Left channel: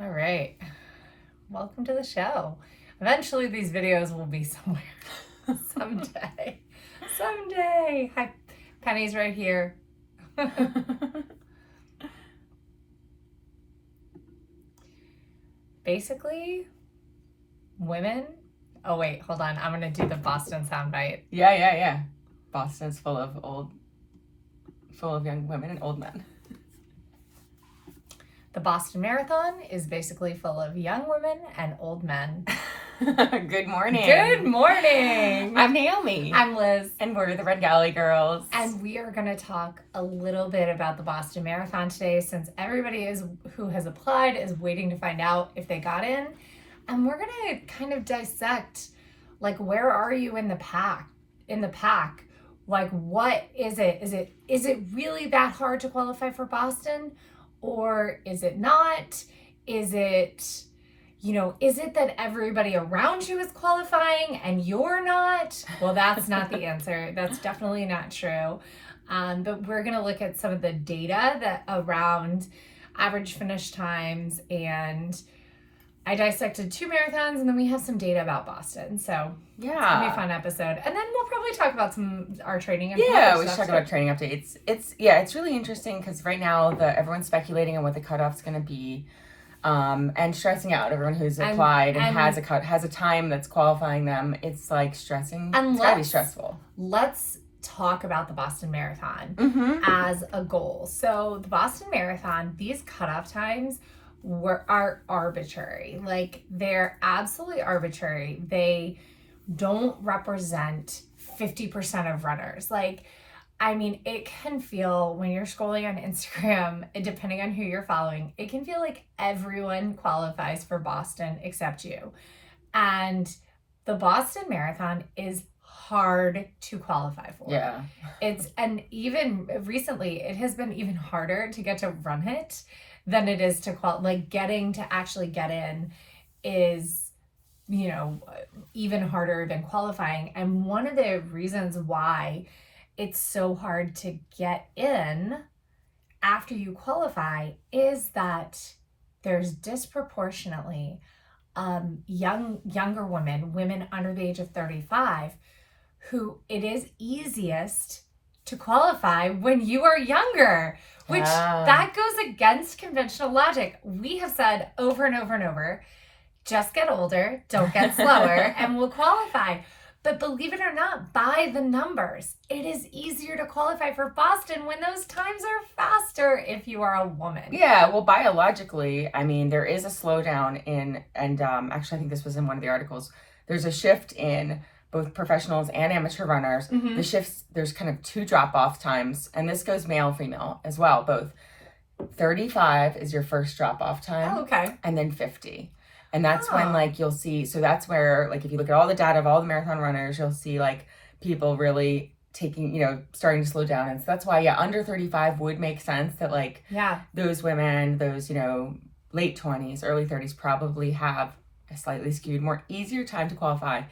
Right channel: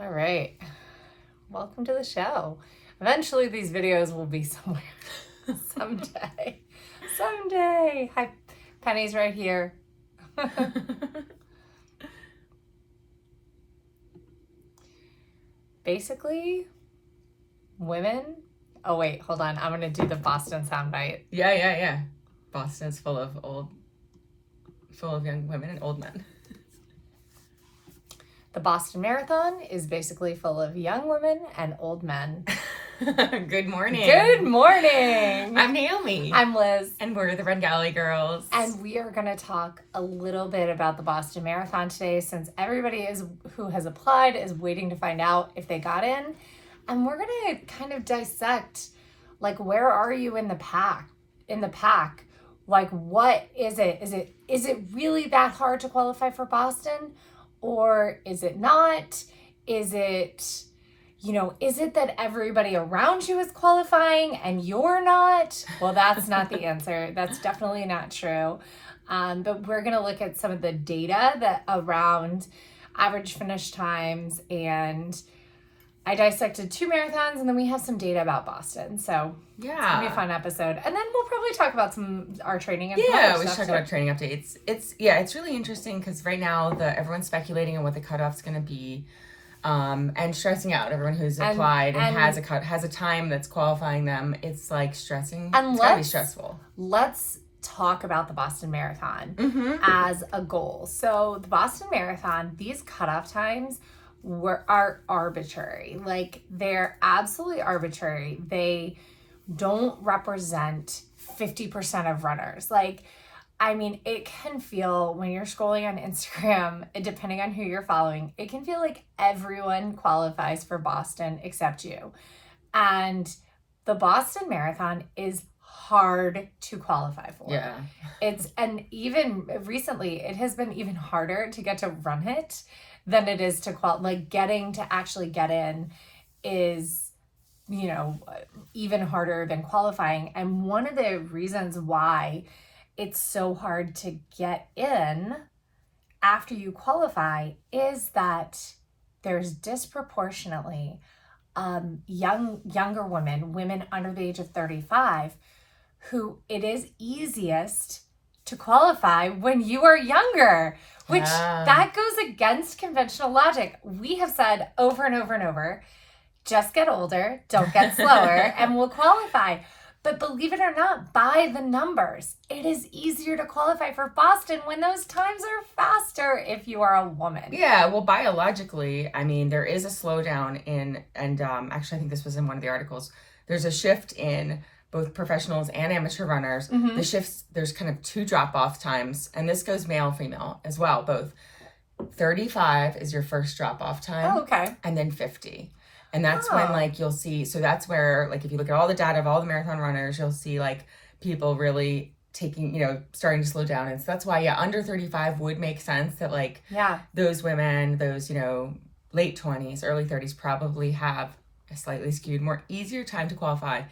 All right. Welcome to the show. Eventually, these videos will be somewhere someday. Someday. Hi, Penny's right here. Basically, women. Oh, wait, hold on. I'm going to do the Boston soundbite. Yeah. Boston's full of young women and old men. The Boston Marathon is basically full of young women and old men. Good morning. Good morning. I'm Naomi. I'm Liz. And we're the Red Galley Girls. And we are going to talk a little bit about the Boston Marathon today, since everybody who has applied is waiting to find out if they got in. And we're going to kind of dissect, like, where are you in the pack? Like, what is it? Is it really that hard to qualify for Boston? Or is it not? Is it that everybody around you is qualifying and you're not? Well, that's not the answer. That's definitely not true. But we're going to look at some of the data that around average finish times, and I dissected 2 marathons, and then we have some data about Boston. So yeah, it's going to be a fun episode. And then we'll probably talk about our training. And we should talk about training updates. It's really interesting because right now everyone's speculating on what the cutoff's going to be. And stressing out everyone who's applied and has a time that's qualifying them. It's like stressing. It's gotta be stressful. Let's talk about the Boston Marathon as a goal. So the Boston Marathon, these cutoff times are arbitrary. Like, they're absolutely arbitrary. They don't represent 50% of runners. Like, I mean, it can feel, when you're scrolling on Instagram, depending on who you're following, it can feel like everyone qualifies for Boston except you. And the Boston Marathon is hard to qualify for. Yeah. And even recently, it has been even harder to get to run it than it is to getting to actually get in is, even harder than qualifying. And one of the reasons why it's so hard to get in after you qualify is that there's disproportionately younger women under the age of 35, who it is easiest to qualify when you are younger, which that goes against conventional logic. We have said over and over and over, just get older, don't get slower, and we'll qualify. But believe it or not, by the numbers, it is easier to qualify for Boston when those times are faster if you are a woman. Yeah, well, biologically, I mean, there is a slowdown and actually, I think this was in one of the articles, there's a shift in both professionals and amateur runners. The shifts, there's kind of 2 drop-off times, and this goes male, female as well, both. 35 is your first drop-off time. Oh, okay. And then 50. And that's when, like, you'll see, so that's where, like, if you look at all the data of all the marathon runners, you'll see, like, people really taking, starting to slow down. And so that's why, under 35 would make sense that, like, those women, those, late 20s, early 30s probably have a slightly skewed, more easier time to qualify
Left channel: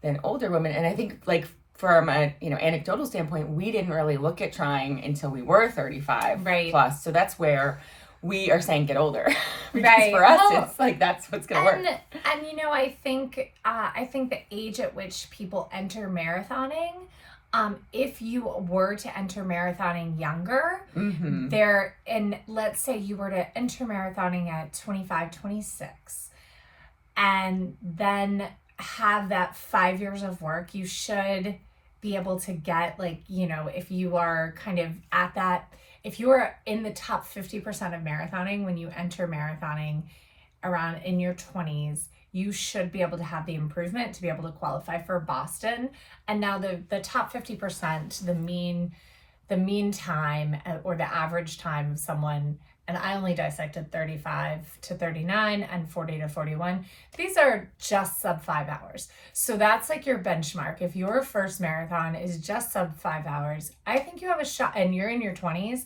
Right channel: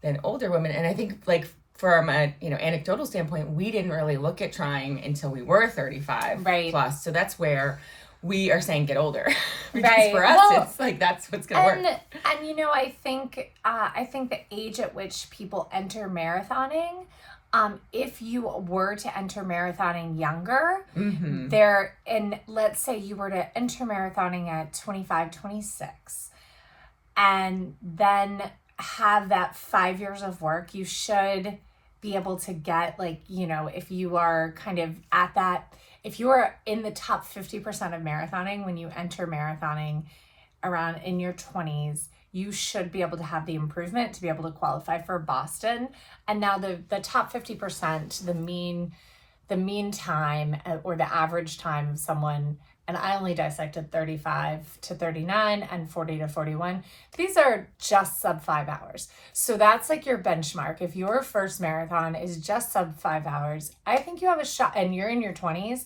than older women. And I think, like, from a, anecdotal standpoint, we didn't really look at trying until we were 35 plus. So that's where we are saying get older because for us, it's like, that's what's going to work. And, I think the age at which people enter marathoning, if you were to enter marathoning younger, and let's say you were to enter marathoning at 25, 26, and then have that 5 years of work, you should be able to get, like, if you are kind of at that, if you are in the top 50% of marathoning when you enter marathoning around in your 20s, you should be able to have the improvement to be able to qualify for Boston. And now the top 50%, the mean time or the average time of someone, and I only dissected 35 to 39 and 40 to 41. These are just sub 5 hours. So that's like your benchmark. If your first marathon is just sub 5 hours, I think you have a shot, and you're in your 20s,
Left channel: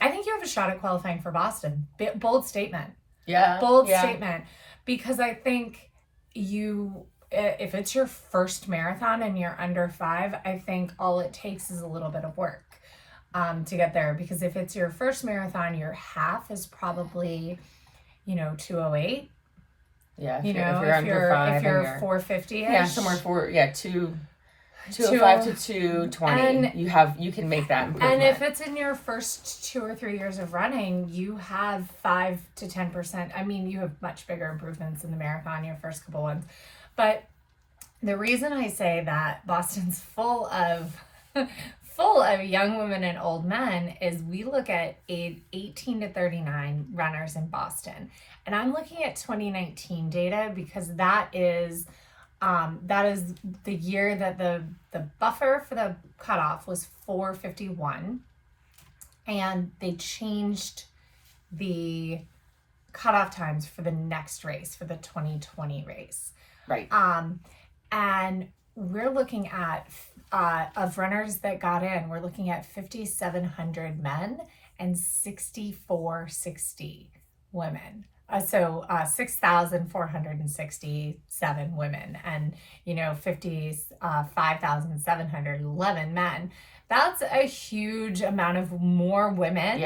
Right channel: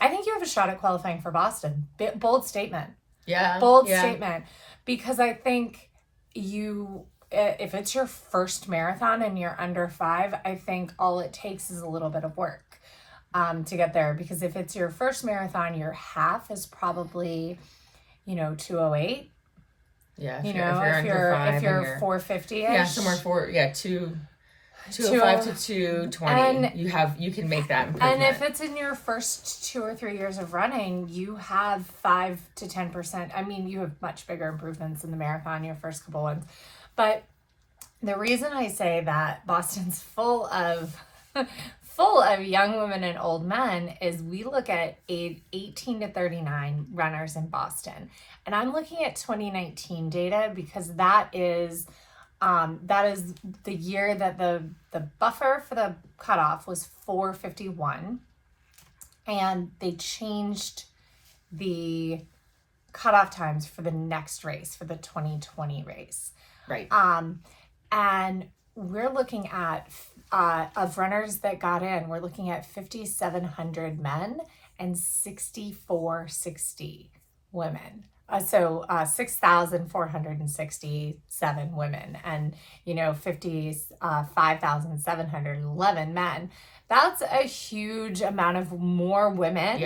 I think you have a shot at qualifying for Boston. Bold statement. Bold statement. Because I think if it's your first marathon and you're under 5, I think all it takes is a little bit of work to get there. Because if it's your first marathon, your half is probably 2:08. Yeah, if You you're, know, if you're under 5 if you're and you're 4:50ish. yeah, somewhere 205 to 220. You can make that improvement. And if it's in your first 2 or 3 years of running, you have 5 to 10%. I mean, you have much bigger improvements in the marathon, your first couple ones. But the reason I say that Boston's full of young women and old men is we look at 18 to 39 runners in Boston. And I'm looking at 2019 data because that is the year that the buffer for the cutoff was 4:51, and they changed the cutoff times for the next race, for the 2020 race. Right. And we're looking at of runners that got in, we're looking at 5,700 men and 6,460 women. So 6,467 women and 5,711 men. That's a huge amount of more women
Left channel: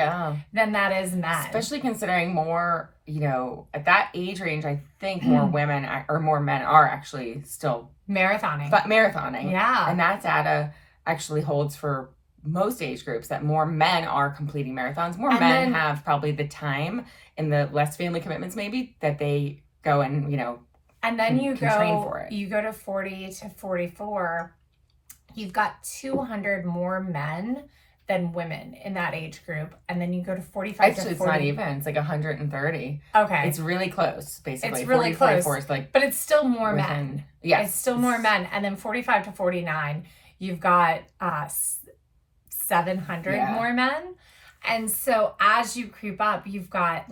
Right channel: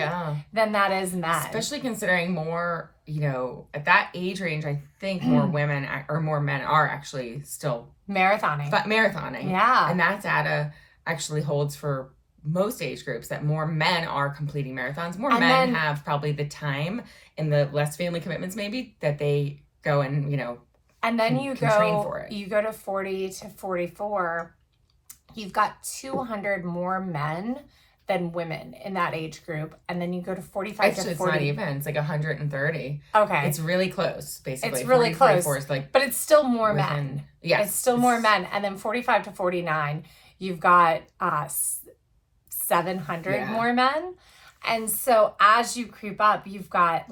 than that is men. Especially considering more, at that age range, I think more women or more men are actually still marathoning. Yeah. And that data actually holds for most age groups, that more men are completing marathons. More men have probably the time and the less family commitments maybe that they go and, and then can train for it. You go to 40 to 44, you've got 200 more men than women in that age group. And then you go to 45 Actually, to 40. it's not even. It's like 130. Okay. It's really close, basically. It's really 40, close. Is like, but it's still more men. Yes. It's still more men. And then 45 to 49, you've got 700 more men. And so as you creep up, you've got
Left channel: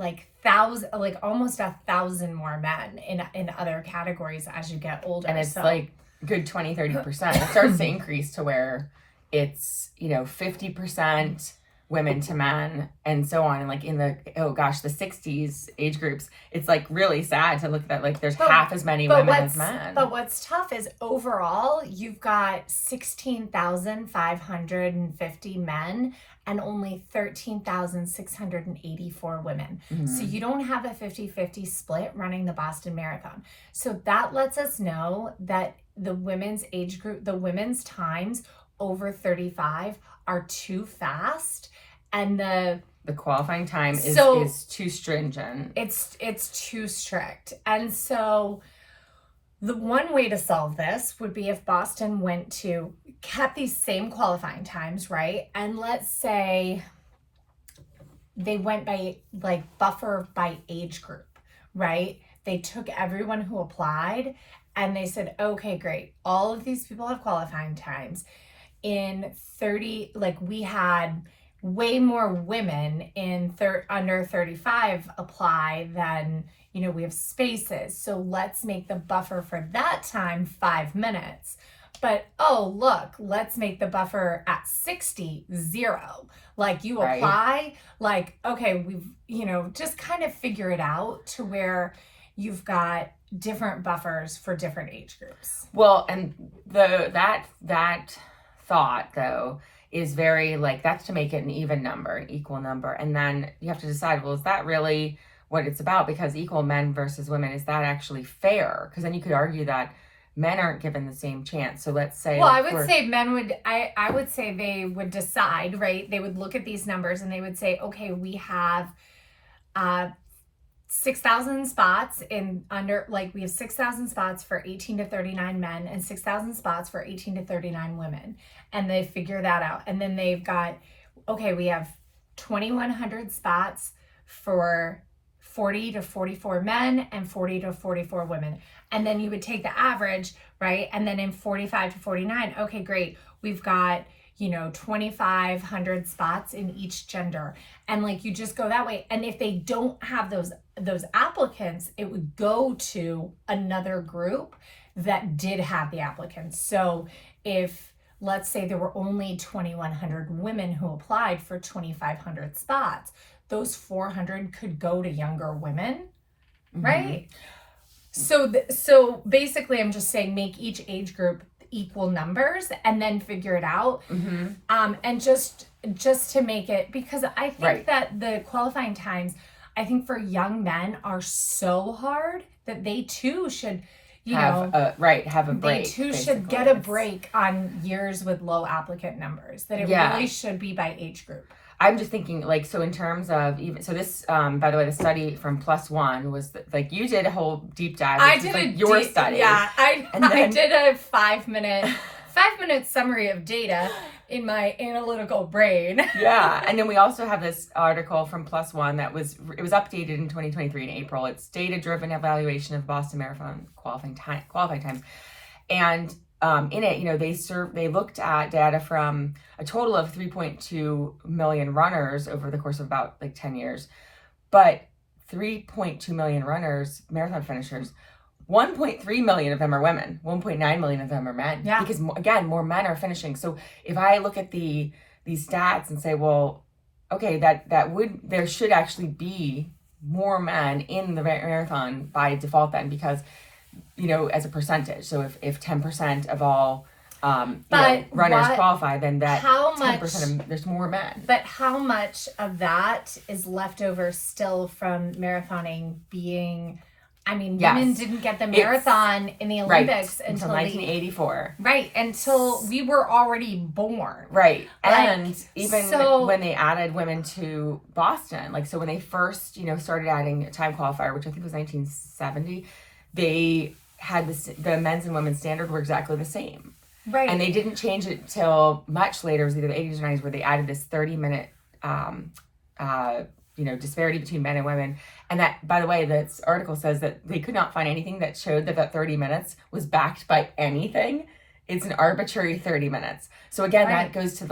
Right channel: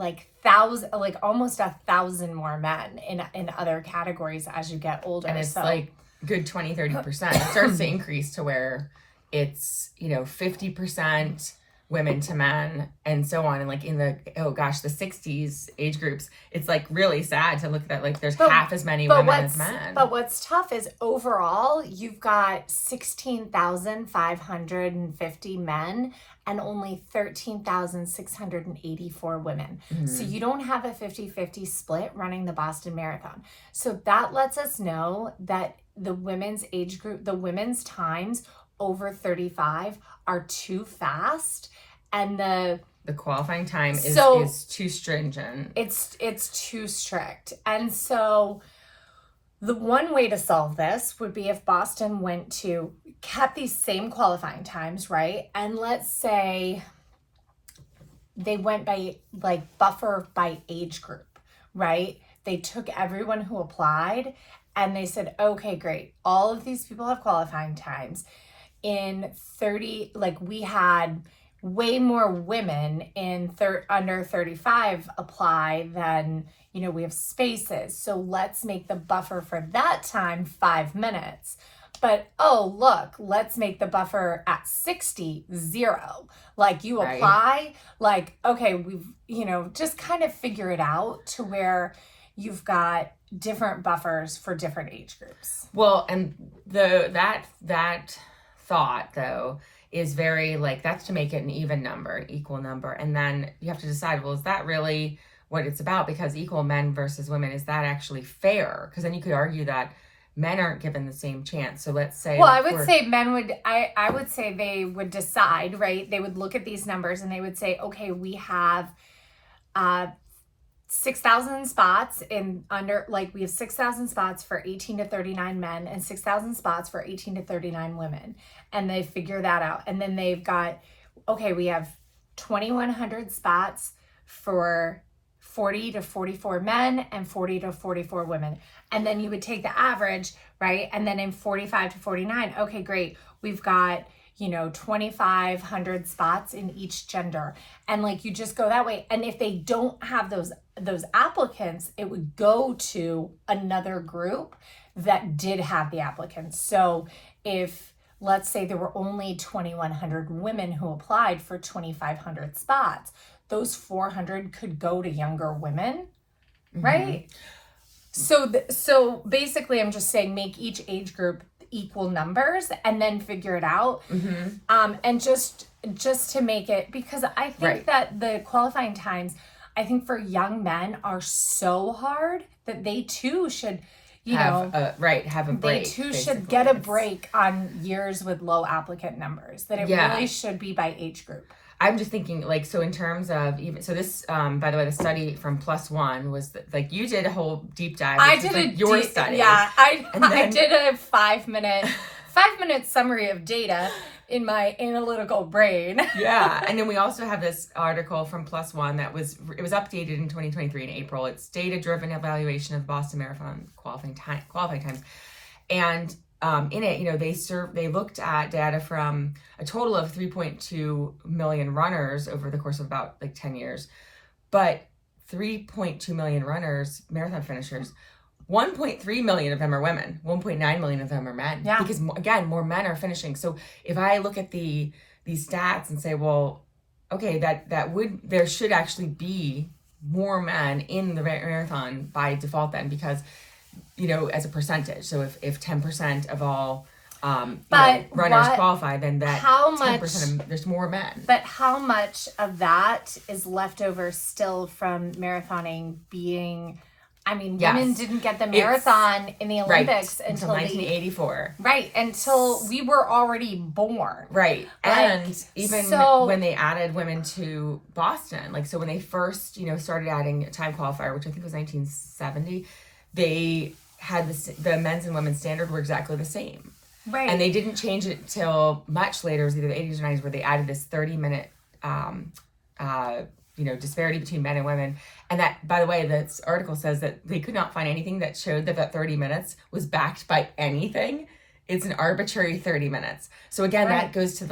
almost 1,000 more men in other categories as you get older. And it's like good 20-30%. It starts to increase to where it's 50% women to men and so on. And like in the the 60s age groups, it's like really sad to look at, like there's half as many women as men. But what's tough is overall you've got 16,550 men and only 13,684 women. Mm-hmm. So you don't have a 50-50 split running the Boston Marathon. So that lets us know that the women's age group, the women's times over 35 are too fast, and the qualifying time is too stringent. It's too strict. And so the one way to solve this would be if Boston kept these same qualifying times, right? And let's say they went by buffer by age group, right? They took everyone who applied and they said, okay, great. All of these people have qualifying times. In 30, we had way more women in under 35 apply than, we have spaces. So let's make the buffer for that time 5 minutes. But, look, let's make the buffer at 60, 0. You apply, okay, we've, just kind of figure it out to where you've got different buffers for different age groups. Well, and that thought, though, is very that's to make it an even number, equal number. And then you have to decide, well, is that really what it's about? Because equal men versus women, is that actually fair? Because then you could argue that men aren't given the same chance. So let's say, well, I would say men would, I would say they would decide, right? They would look at these numbers and they would say, okay, we have 6,000 spots we have 6,000 spots for 18 to 39 men and 6,000 spots for 18 to 39 women. And they figure that out. And then they've got, okay, we have 2,100 spots for 40 to 44 men and 40 to 44 women. And then you would take the average, right? And then in 45 to 49, okay, great. We've got, 2,500 spots in each gender. And you just go that way. And if they don't have those applicants, it would go to another group that did have the applicants. So if, let's say there were only 2,100 women who applied for 2,500 spots, those 400 could go to younger women, right? So basically I'm just saying make each age group equal numbers and then figure it out. And just to make it, because I think that the qualifying times, I think for young men are so hard that they too should, have a break. They too should get a break on years with low applicant numbers. That it really should be by age group. I'm just thinking, like, so in terms of even, so this, by the way, the study from Plus One was like, you did a whole deep dive. I did like your study. Yeah, I did a 5-minute summary of data in my analytical brain. Yeah, and then we also have this article from Plus One it was updated in 2023 in April. It's data-driven evaluation of Boston Marathon qualifying times, and in it, they looked at data from a total of 3.2 million runners over the course of about 10 years, but 3.2 million runners, marathon finishers, 1.3 million of them are women, 1.9 million of them are men. Yeah. Because again, more men are finishing. So if I look at these stats and say, well, okay, there should actually be more men in the marathon by default then, because as a percentage. So if 10% of all runners qualify, then that 10% there's more men. But how much of that is left over still from marathoning being? I mean, women didn't get the marathon in the Olympics until 1984. Until we were already born. Right. And even when they added women to Boston, so when they first, started adding a time qualifier, which I think was 1970, they had the men's and women's standard were exactly the same. Right. And they didn't change it till much later. It was either the 80s or 90s where they added this 30-minute disparity between men and women. And that, by the way, this article says that they could not find anything that showed that 30 minutes was backed by anything. It's an arbitrary 30 minutes. So again, that goes to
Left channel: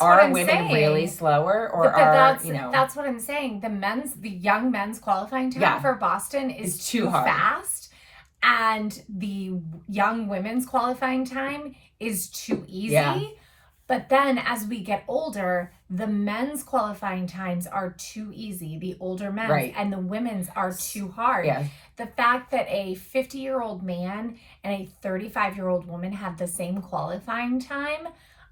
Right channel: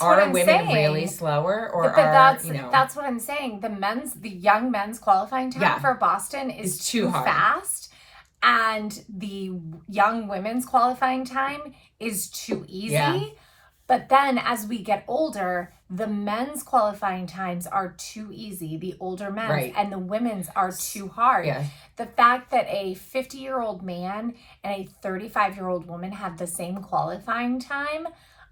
are women really slower, or that's what I'm saying. The young men's qualifying time for Boston is too fast, and the young women's qualifying time is too easy. Yeah. But then as we get older, the men's qualifying times are too easy, the older men's, and the women's are too hard. Yeah. The fact that a 50-year-old man and a 35-year-old woman have the same qualifying time,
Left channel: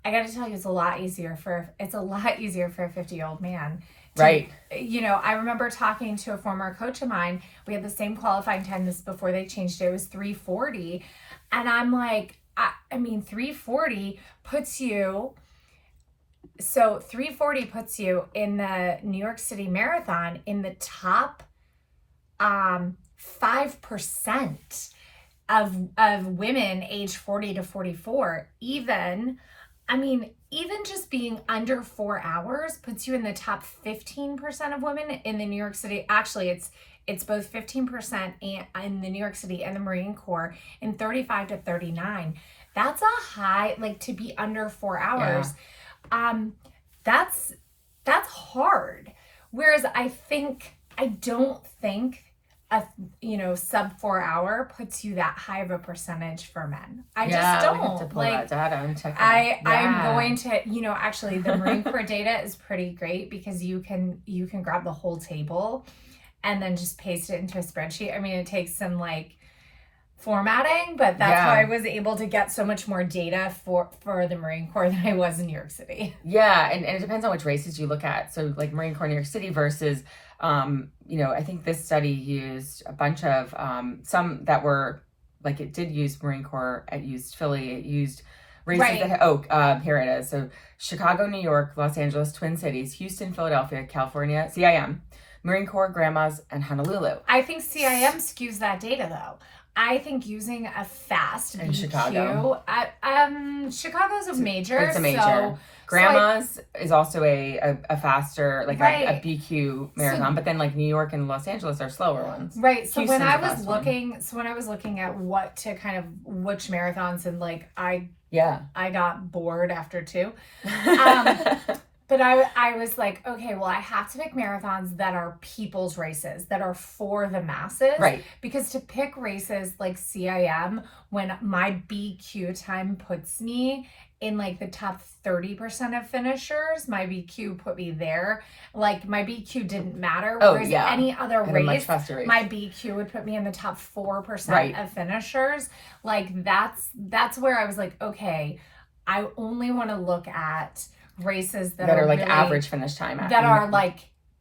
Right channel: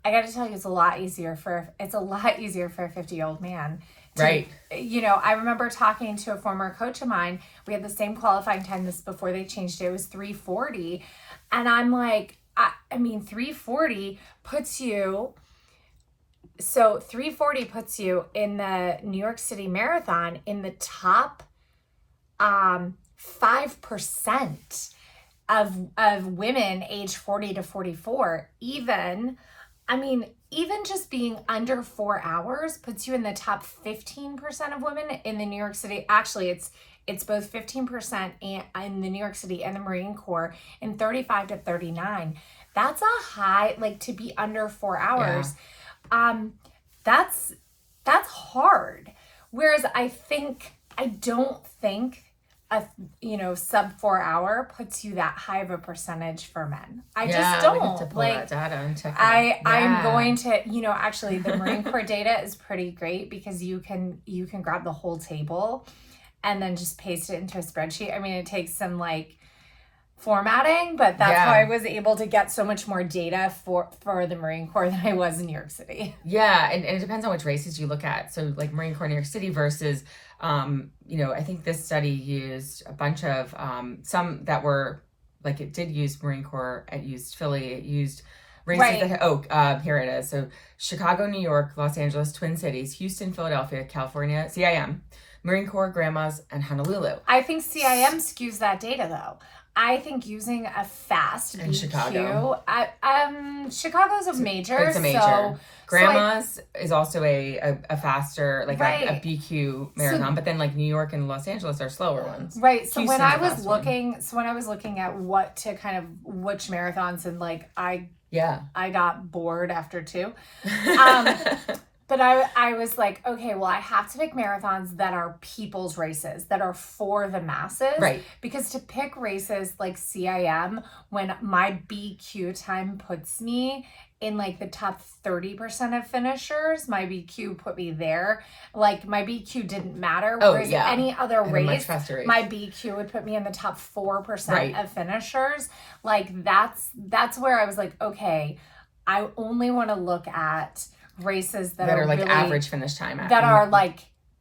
I got to tell you, it's a lot easier for a 50-year-old man. Right. I remember talking to a former coach of mine. We had the same qualifying time before they changed it. It was 3:40. And I'm like, 3:40 puts you in the New York City Marathon in the top 5% of women age 40 to 44. Even just being under 4 hours puts you in the top 15% of women in the New York City. Actually, it's both 15% in the New York City and the Marine Corps in 35 to 39. That's a high, to be under 4 hours. Yeah. That's hard. Whereas I don't think a sub 4 hour puts you that high of a percentage for men. I just don't. We have to pull that data and check it out. I'm going to, actually the Marine Corps data is pretty great because you can grab the whole table and then just paste it into a spreadsheet. It takes some formatting, but that's how I was able to get so much more data for the Marine Corps than I was in New York City. Yeah, and it depends on which races you look at. So Marine Corps New York City versus, I think this study used a bunch of, some that were, it did use Marine Corps, it used Philly, it used races that, here it is. So Chicago, New York, Los Angeles, Twin Cities, Houston, Philadelphia, California, CIM, Marine Corps, Grandmas, and Honolulu. I think CIM skews that data though. I think using a fast in BQ, Chicago. Chicago's a major. It's a major. So, Grandma's is also a faster, a BQ marathon, but then New York and Los Angeles are slower ones. Right. So when I was looking at what to which marathons, and I got bored after 2. But I was like, okay, well, I have to pick marathons that are people's races, that are for the masses. Right. Because to pick races like CIM, when my BQ time puts me in the top 30% of finishers, my BQ put me there. My BQ didn't matter. Whereas any other race, my BQ would put me in the top 4% of finishers. That's where I was like, okay, I only want to look at races that are really, average finish time that are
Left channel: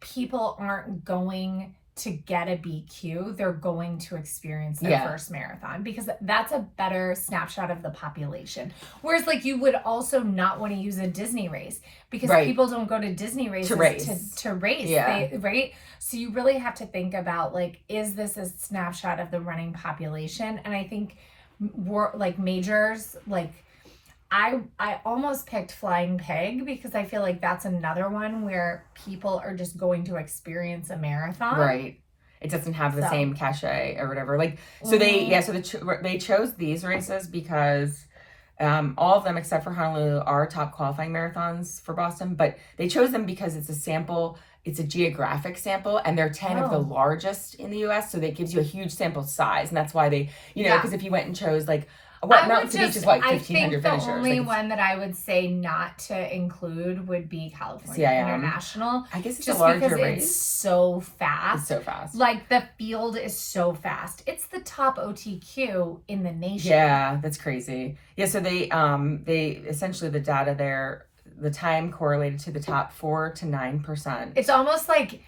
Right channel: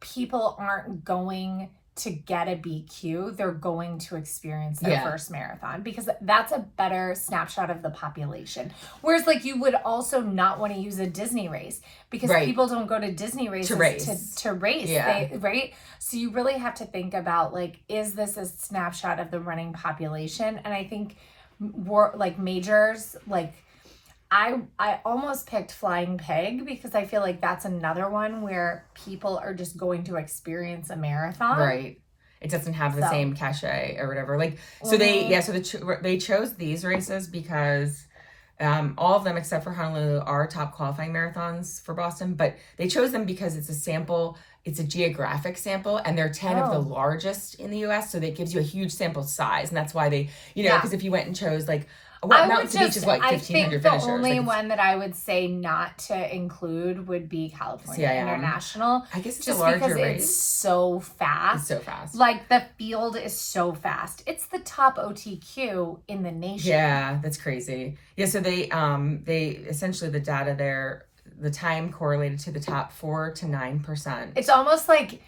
people aren't going to get a BQ, they're going to experience their first marathon, because that's a better snapshot of the population. Whereas like you would also not want to use a Disney race, because people don't go to Disney races to race. Right? So you really have to think about like, is this a snapshot of the running population? And I think like majors, like I almost picked Flying Pig, because I feel like that's another one where people are just going to experience a marathon. Right. It doesn't have the same cachet or whatever. Like, so they chose these races because all of them except for Honolulu are top qualifying marathons for Boston, but they chose them because it's a sample, it's a geographic sample, and they're 10 of the largest in the US. So that gives you a huge sample size. And that's why they, because if you went and chose like, Mountain to Beach is like 1,500 finishers. The only one that I would say not to include would be California International. I guess it's a larger race. It's so fast. It's so fast. Like the field is so fast. It's the top OTQ in the nation. Yeah, that's crazy. Yeah, so they essentially the data there, the time correlated to the top 4 to 9%. It's almost like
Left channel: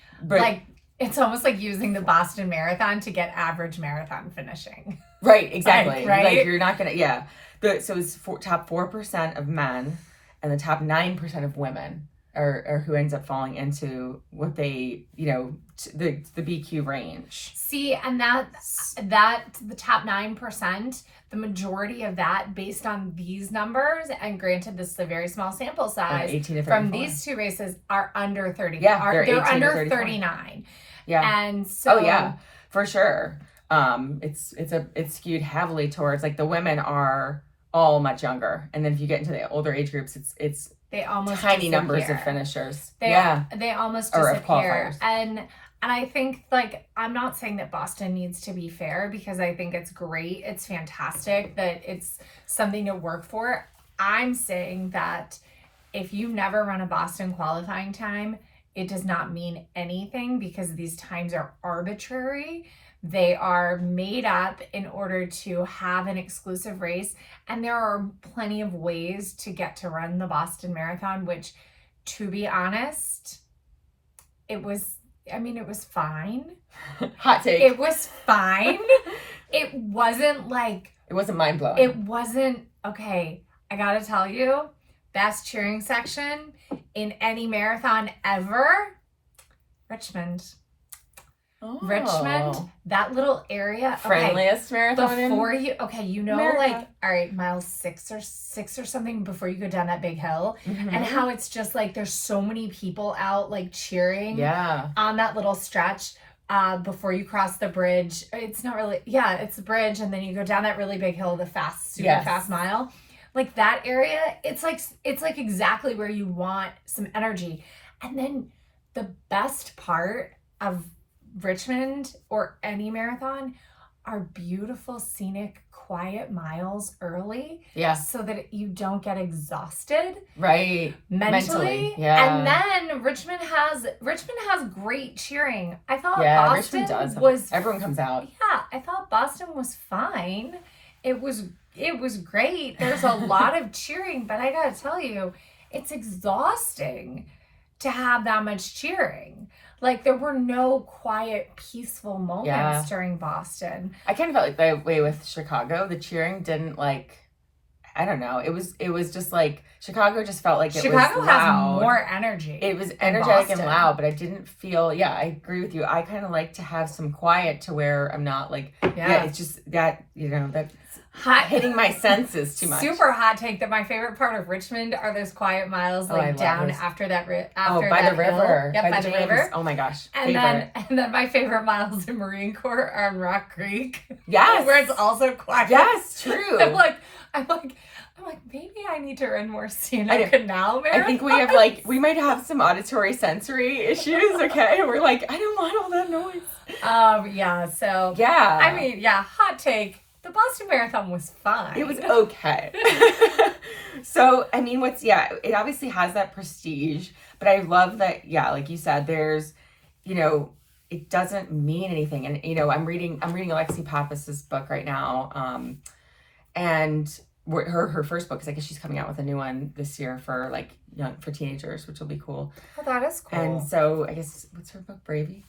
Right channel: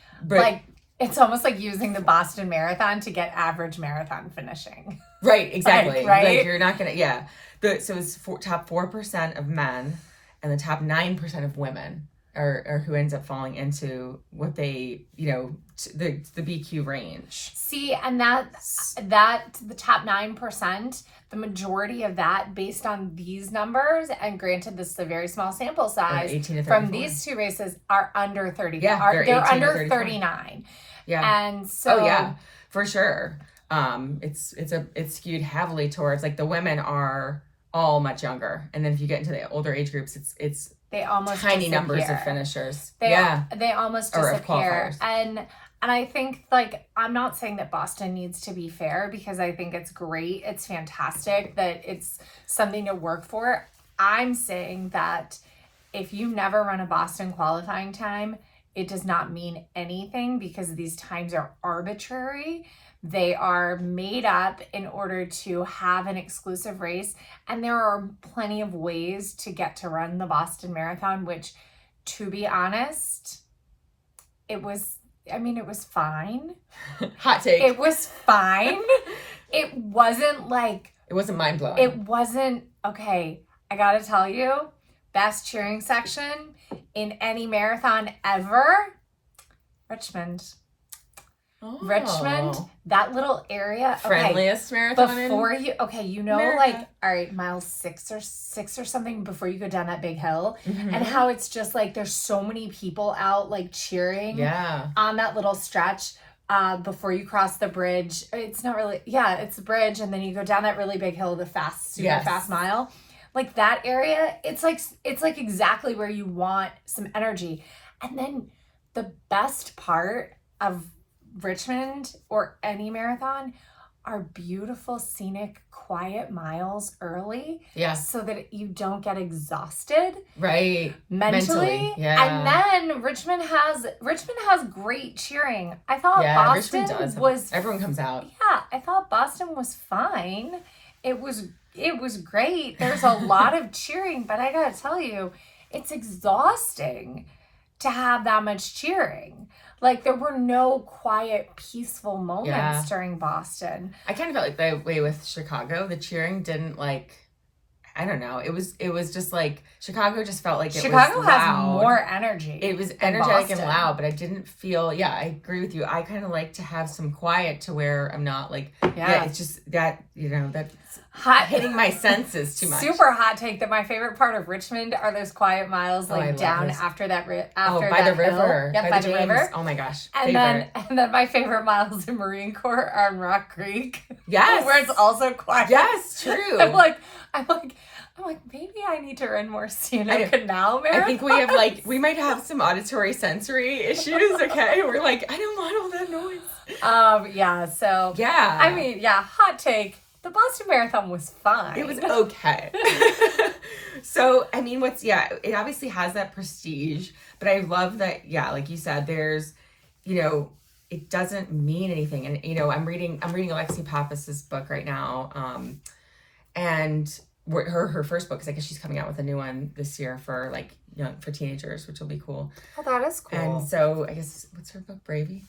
it's almost like using the Boston Marathon to get average marathon finishing. Right, exactly. Right? Like you're not going to, so it's top 4% of men and the top 9% of women are who ends up falling into what they, the BQ range. See, and that the top 9%, the majority of that based on these numbers, and granted this is a very small sample size, 18 to 34. From these two races are under 30. Yeah, they're under 39. Yeah. And so for sure. It's skewed heavily towards like the women are all much younger, and then if you get into the older age groups, it's they almost tiny disappear. Numbers of finishers. They almost disappear. Or of qualifiers. And I think like I'm not saying that Boston needs to be fair, because I think it's great, it's fantastic that it's something to work for. I'm saying that if you never run a Boston qualifying time, it does not mean anything, because these times are arbitrary. They are made up in order to have an exclusive race. And there are plenty of ways to get to run the Boston Marathon, which, to be honest, it was fine. Hot take. It was fine. It wasn't mind-blowing. It wasn't, okay, I gotta tell you, best cheering section in any marathon ever, Richmond. Oh. Richmond, that little area. Friendliest marathon before you, America. Like, all right, mile six or something before you go down that big hill, and how it's just like there's so many people out like cheering on that little stretch before you cross the bridge. It's not really, it's a bridge, and then you go down that really big hill, the super fast mile. Like that area, it's like exactly where you want some energy. And then the best part of Richmond or any marathon are beautiful, scenic, quiet miles early. Yeah. So that you don't get exhausted. Right. Mentally. Yeah. And then Richmond has great cheering. I thought Boston was everyone comes out. Yeah. I thought Boston was fine. It was great. There's a lot of cheering, but I gotta tell you, it's exhausting to have that much cheering. Like there were no quiet, peaceful moments during Boston. I kind of felt like the way with Chicago. The cheering didn't I don't know. It was just like Chicago just felt like Chicago was loud. Has more energy. It was energetic and loud, but I didn't feel. Yeah, I agree with you. I kind of like to have some quiet to where I'm not like. Yeah, it's just that that's hitting my senses too much. Super hot take that my favorite part of Richmond are those quiet miles down after that. By the river. Yep, by the river. Oh my gosh. And then my favorite miles in Marine Corps are in Rock Creek. Yes. Where it's also quiet. Yes, true. I'm like, maybe I need to run more scenic canal marathons. I think we might have some auditory sensory issues, okay? We're like, I don't want all that noise. So. Yeah. I mean, hot take. The Boston Marathon was fine. It was okay. So, I mean, it obviously has that prestige, but I love that, like you said, there's, it doesn't mean anything. And, I'm reading Alexi Pappas's book right now. And her first book, because I guess she's coming out with a new one this year for like for teenagers, which will be cool. Oh, that is cool. And so I guess, what's her book? Brave.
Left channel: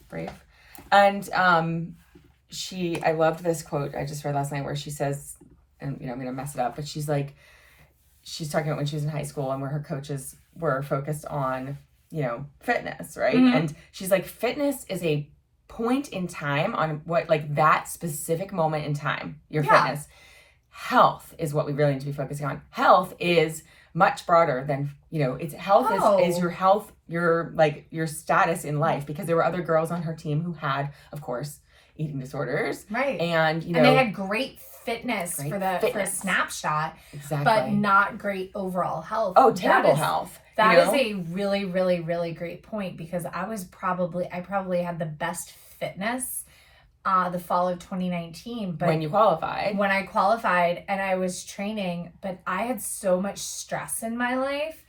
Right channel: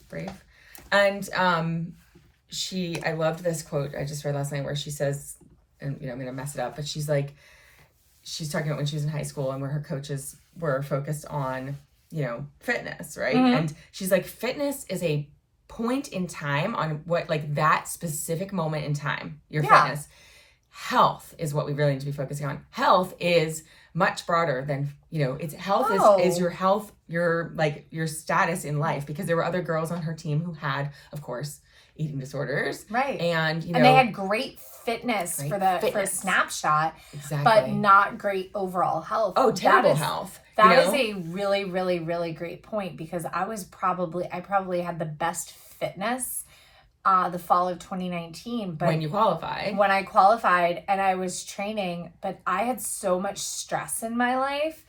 And I loved this quote I just read last night where she says, and I'm gonna mess it up, but she's talking about when she was in high school and where her coaches were focused on fitness, right? Mm-hmm. And she's like, fitness is a point in time on what, like, that specific moment in time, your fitness. Health is what we really need to be focusing on. Health is much broader than, it's health is your health, your status in life, because there were other girls on her team who had, of course, eating disorders. Right. And, and they had great fitness for a snapshot. Exactly. But not great overall health. Oh, terrible health. That is a really, really, really great point, because I probably had the best fitness the fall of 2019. But when I qualified and I was training, but I had so much stress in my life,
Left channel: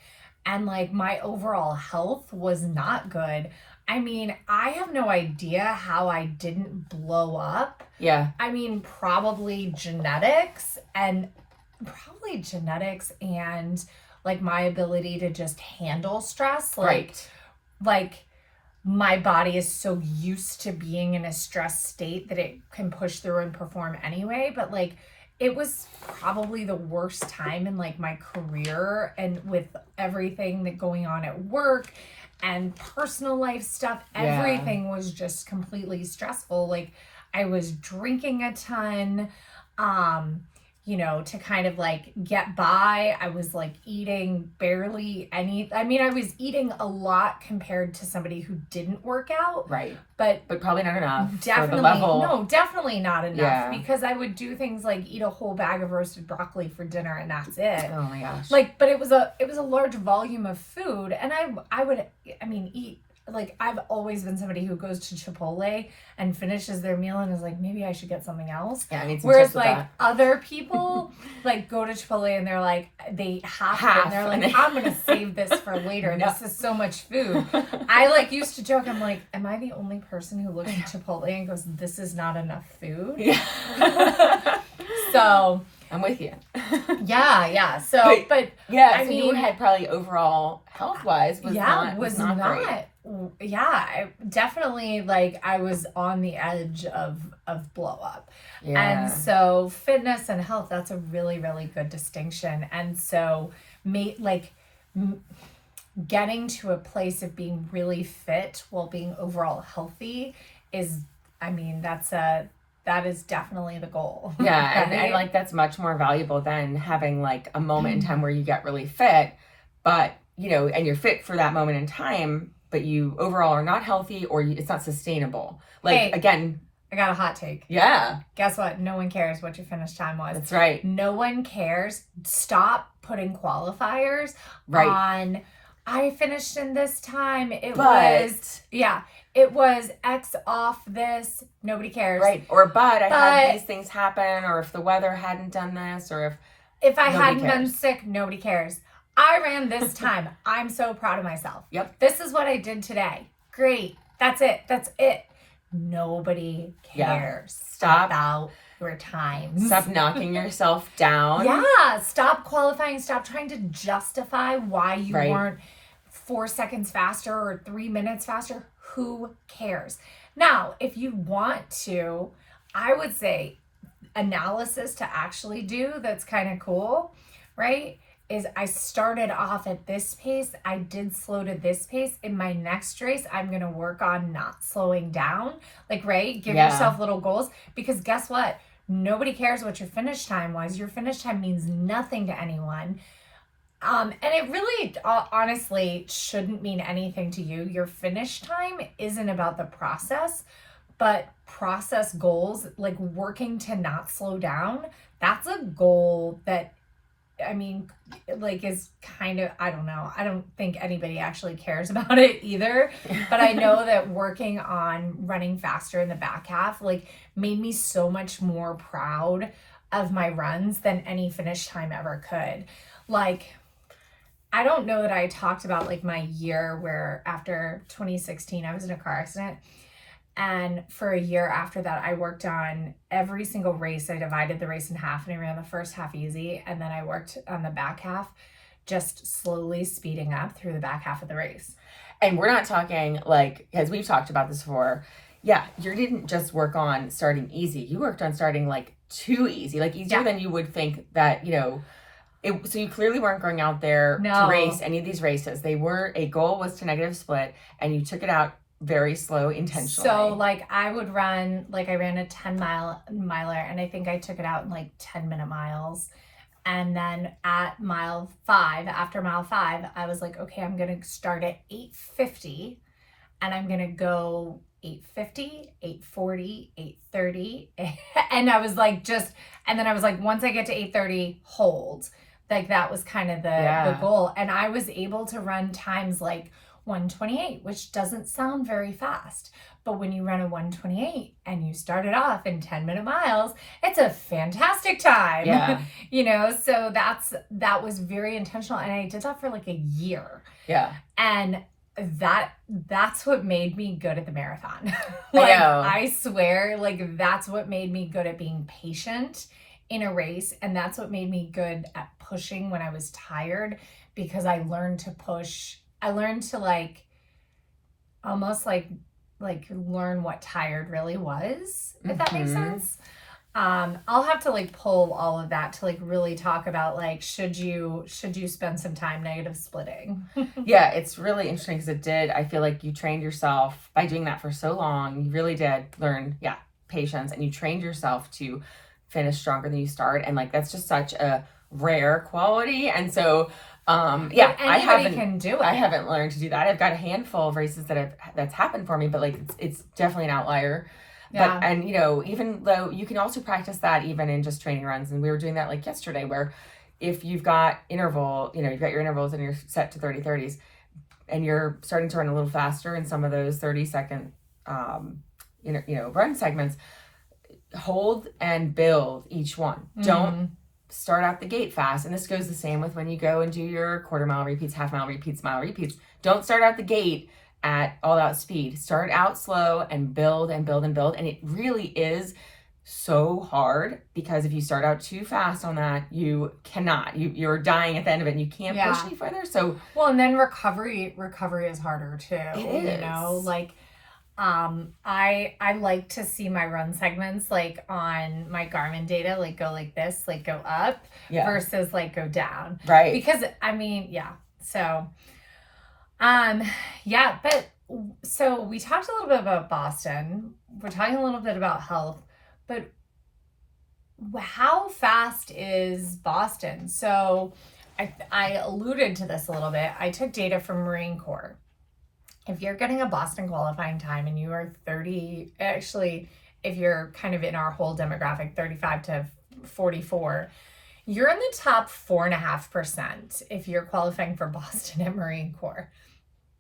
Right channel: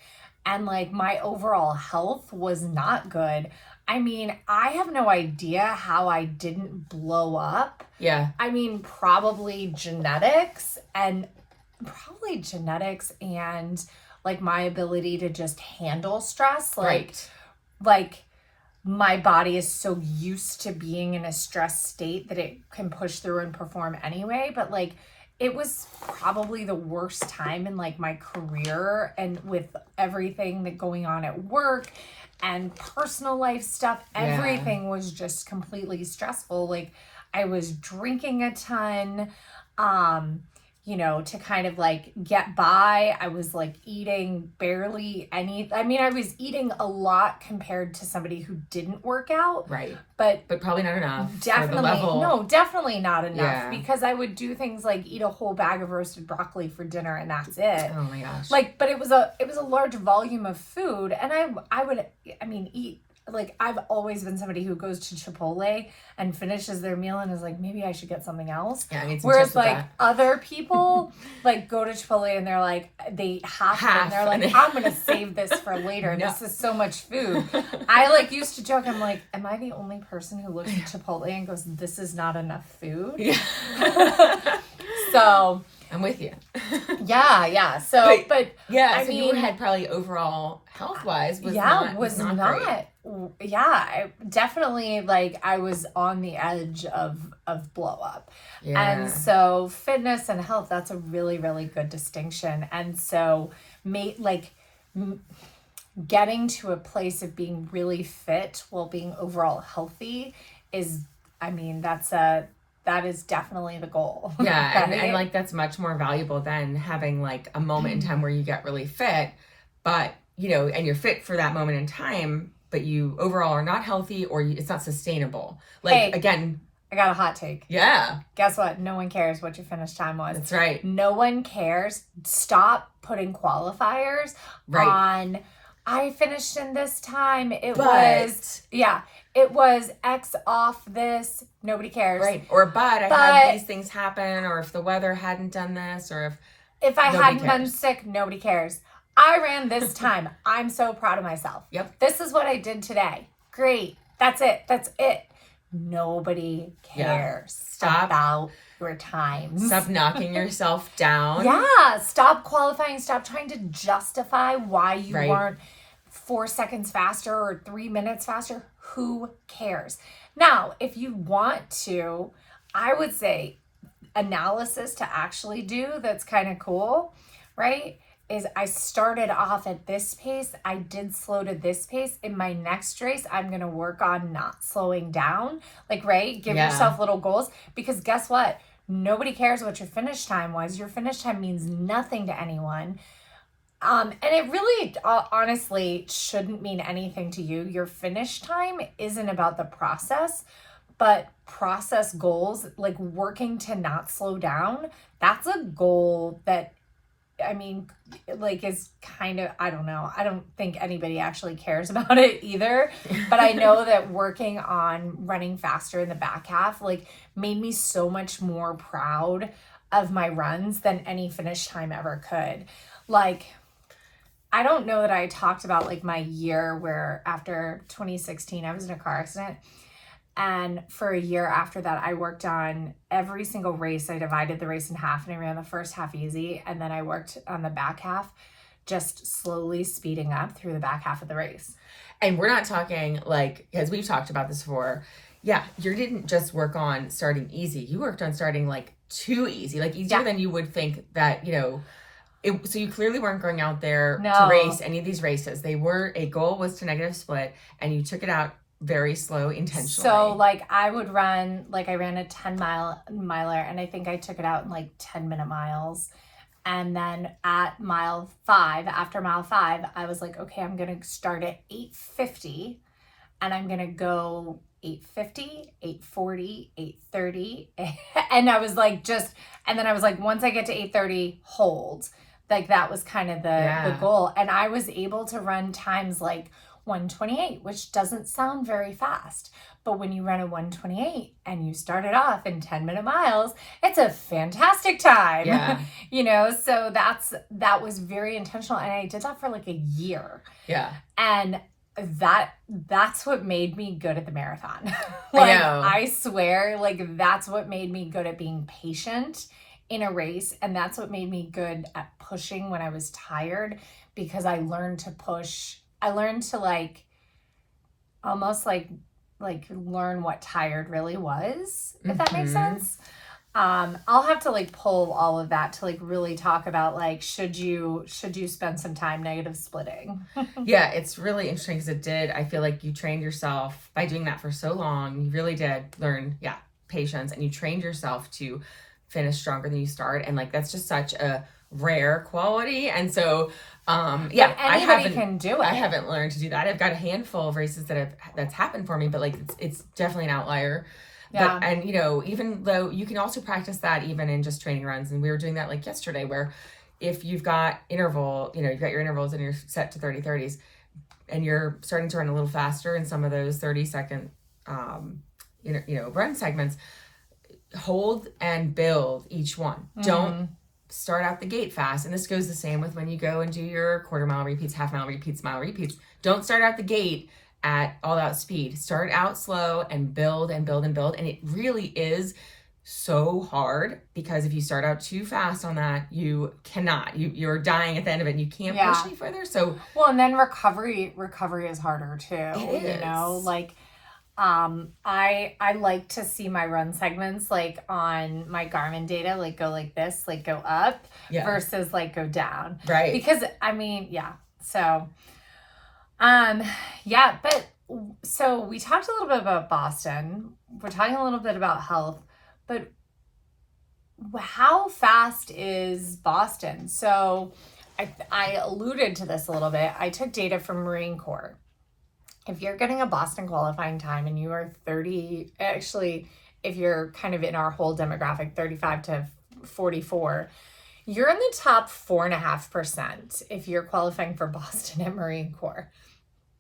and like my overall health was not good. I mean, I have no idea how I didn't blow up. Yeah. I mean, probably genetics and like my ability to just handle stress. Like my body is so used to being in a stress state that it can push through and perform anyway. But like, it was probably the worst time in like my career, and with everything that going on at work and personal life stuff, everything was just completely stressful. Like, I was drinking a ton, to kind of like get by. I was like eating barely any. I mean, I was eating a lot compared to somebody who didn't work out. Right. But probably not enough. Definitely, for the level. No, definitely not enough. Yeah. Because I would do things like eat a whole bag of roasted broccoli for dinner, and that's it. Oh my gosh. Like, but it was a large volume of food, and I would eat. Like, I've always been somebody who goes to Chipotle and finishes their meal and is like, maybe I should get something else. Yeah, I need some Whereas chips with like that. other people like go to Chipotle and they're like, they half and they're like, I'm gonna save this for later. No. This is so much food. I like used to joke, I'm like, am I the only person who looks at Chipotle and goes, this is not enough food? Yeah. So I'm with you. Yeah. So, but yeah, so your head probably overall health wise was not great. Yeah, I definitely, like, I was on the edge of blow up. Yeah. And so fitness and health, that's a really, really good distinction. And so getting to a place of being really fit while being overall healthy is, I mean, that is definitely the goal. Yeah, and like that's much more valuable than having like a moment in time where you get really fit, but and you're fit for that moment in time, but you overall are not healthy, or it's not sustainable. Like, again, I got a hot take. Yeah. Guess what? No one cares what your finish time was. That's right. No one cares. Stop putting qualifiers on, I finished in this time. It was X off this. Nobody cares. Right. Or I had these things happen, or if the weather hadn't done this, or if I hadn't been sick, nobody cares. I ran this time. I'm so proud of myself. Yep. This is what I did today. Great. That's it. Nobody cares about your times. Stop knocking yourself down. Yeah. Stop qualifying. Stop trying to justify why you weren't 4 seconds faster or 3 minutes faster. Who cares? Now, if you want to, I would say analysis to actually do that's kind of cool, right? Is I started off at this pace. I did slow to this pace. In my next race, I'm going to work on not slowing down. Like, right? Give yourself little goals, because guess what? Nobody cares what your finish time was. Your finish time means nothing to anyone. And it really, honestly, shouldn't mean anything to you. Your finish time isn't about the process, but process goals, like working to not slow down, that's a goal that, I mean, like, is kind of, I don't know. I don't think anybody actually cares about it either. But I know that working on running faster in the back half, like, made me so much more proud of my runs than any finish time ever could. Like, I don't know that I talked about like my year where after 2016, I was in a car accident. And for a year after that, I worked on every single race. I divided the race in half and I ran the first half easy. And then I worked on the back half, just slowly speeding up through the back half of the race. And we're not talking like, because we've talked about this before. Yeah, you didn't just work on starting easy. You worked on starting like too easy, like easier than you would think that, so you clearly weren't going out there to race any of these races. A goal was to negative split, and you took it out very slow intentionally. So like I would run, like I ran a 10-miler and I think I took it out in like 10-minute miles. And then at after mile 5, I was like, okay, I'm going to start at 8:50 and I'm going to go 8:50, 8:40, 8:30. And I was like, and then I was like, once I get to 8:30, hold. Like that was kind of the goal. And I was able to run times like 1:28, which doesn't sound very fast. But when you run a 1:28 and you start it off in 10-minute miles, it's a fantastic time. Yeah. So that was very intentional. And I did that for like a year. Yeah. And that's what made me good at the marathon. I know. I swear, like that's what made me good at being patient in a race. And that's what made me good at pushing when I was tired, because I learned to push. I learned to like almost like learn what tired really was, if that makes sense. I'll have to like pull all of that to like really talk about like, should you spend some time negative splitting? Yeah, it's really interesting because I feel like you trained yourself by doing that for so long. You really did learn, patience, and you trained yourself to finish stronger than you start. And like, that's just such a rare quality. And so, I haven't learned to do that. I've got a handful of races that's happened for me, but like, it's definitely an outlier. Yeah. But, and even though you can also practice that even in just training runs. And we were doing that like yesterday, where if you've got you've got your intervals and you're set to 30-30s and you're starting to run a little faster in some of those 30-second, run segments, hold and build each one. Don't start out the gate fast. And this goes the same with when you go and do your quarter mile repeats, half mile repeats, mile repeats. Don't start out the gate at all out speed. Start out slow and build and build and build. And it really is so hard, because if you start out too fast on that, you're dying at the end of it and you can't push any further. So and then recovery is harder too. It is. Like I like to see my run segments like on my Garmin data, like go like this, like go up versus like go down. Right. Because so but so we talked a little bit about Boston. We're talking a little bit about health, but how fast is Boston? So I alluded to this a little bit. I took data from Marine Corps. If you're getting a Boston qualifying time and you are 30, actually, if you're kind of in our whole demographic, 35 to 44, you're in the top 4.5% if you're qualifying for Boston at Marine Corps.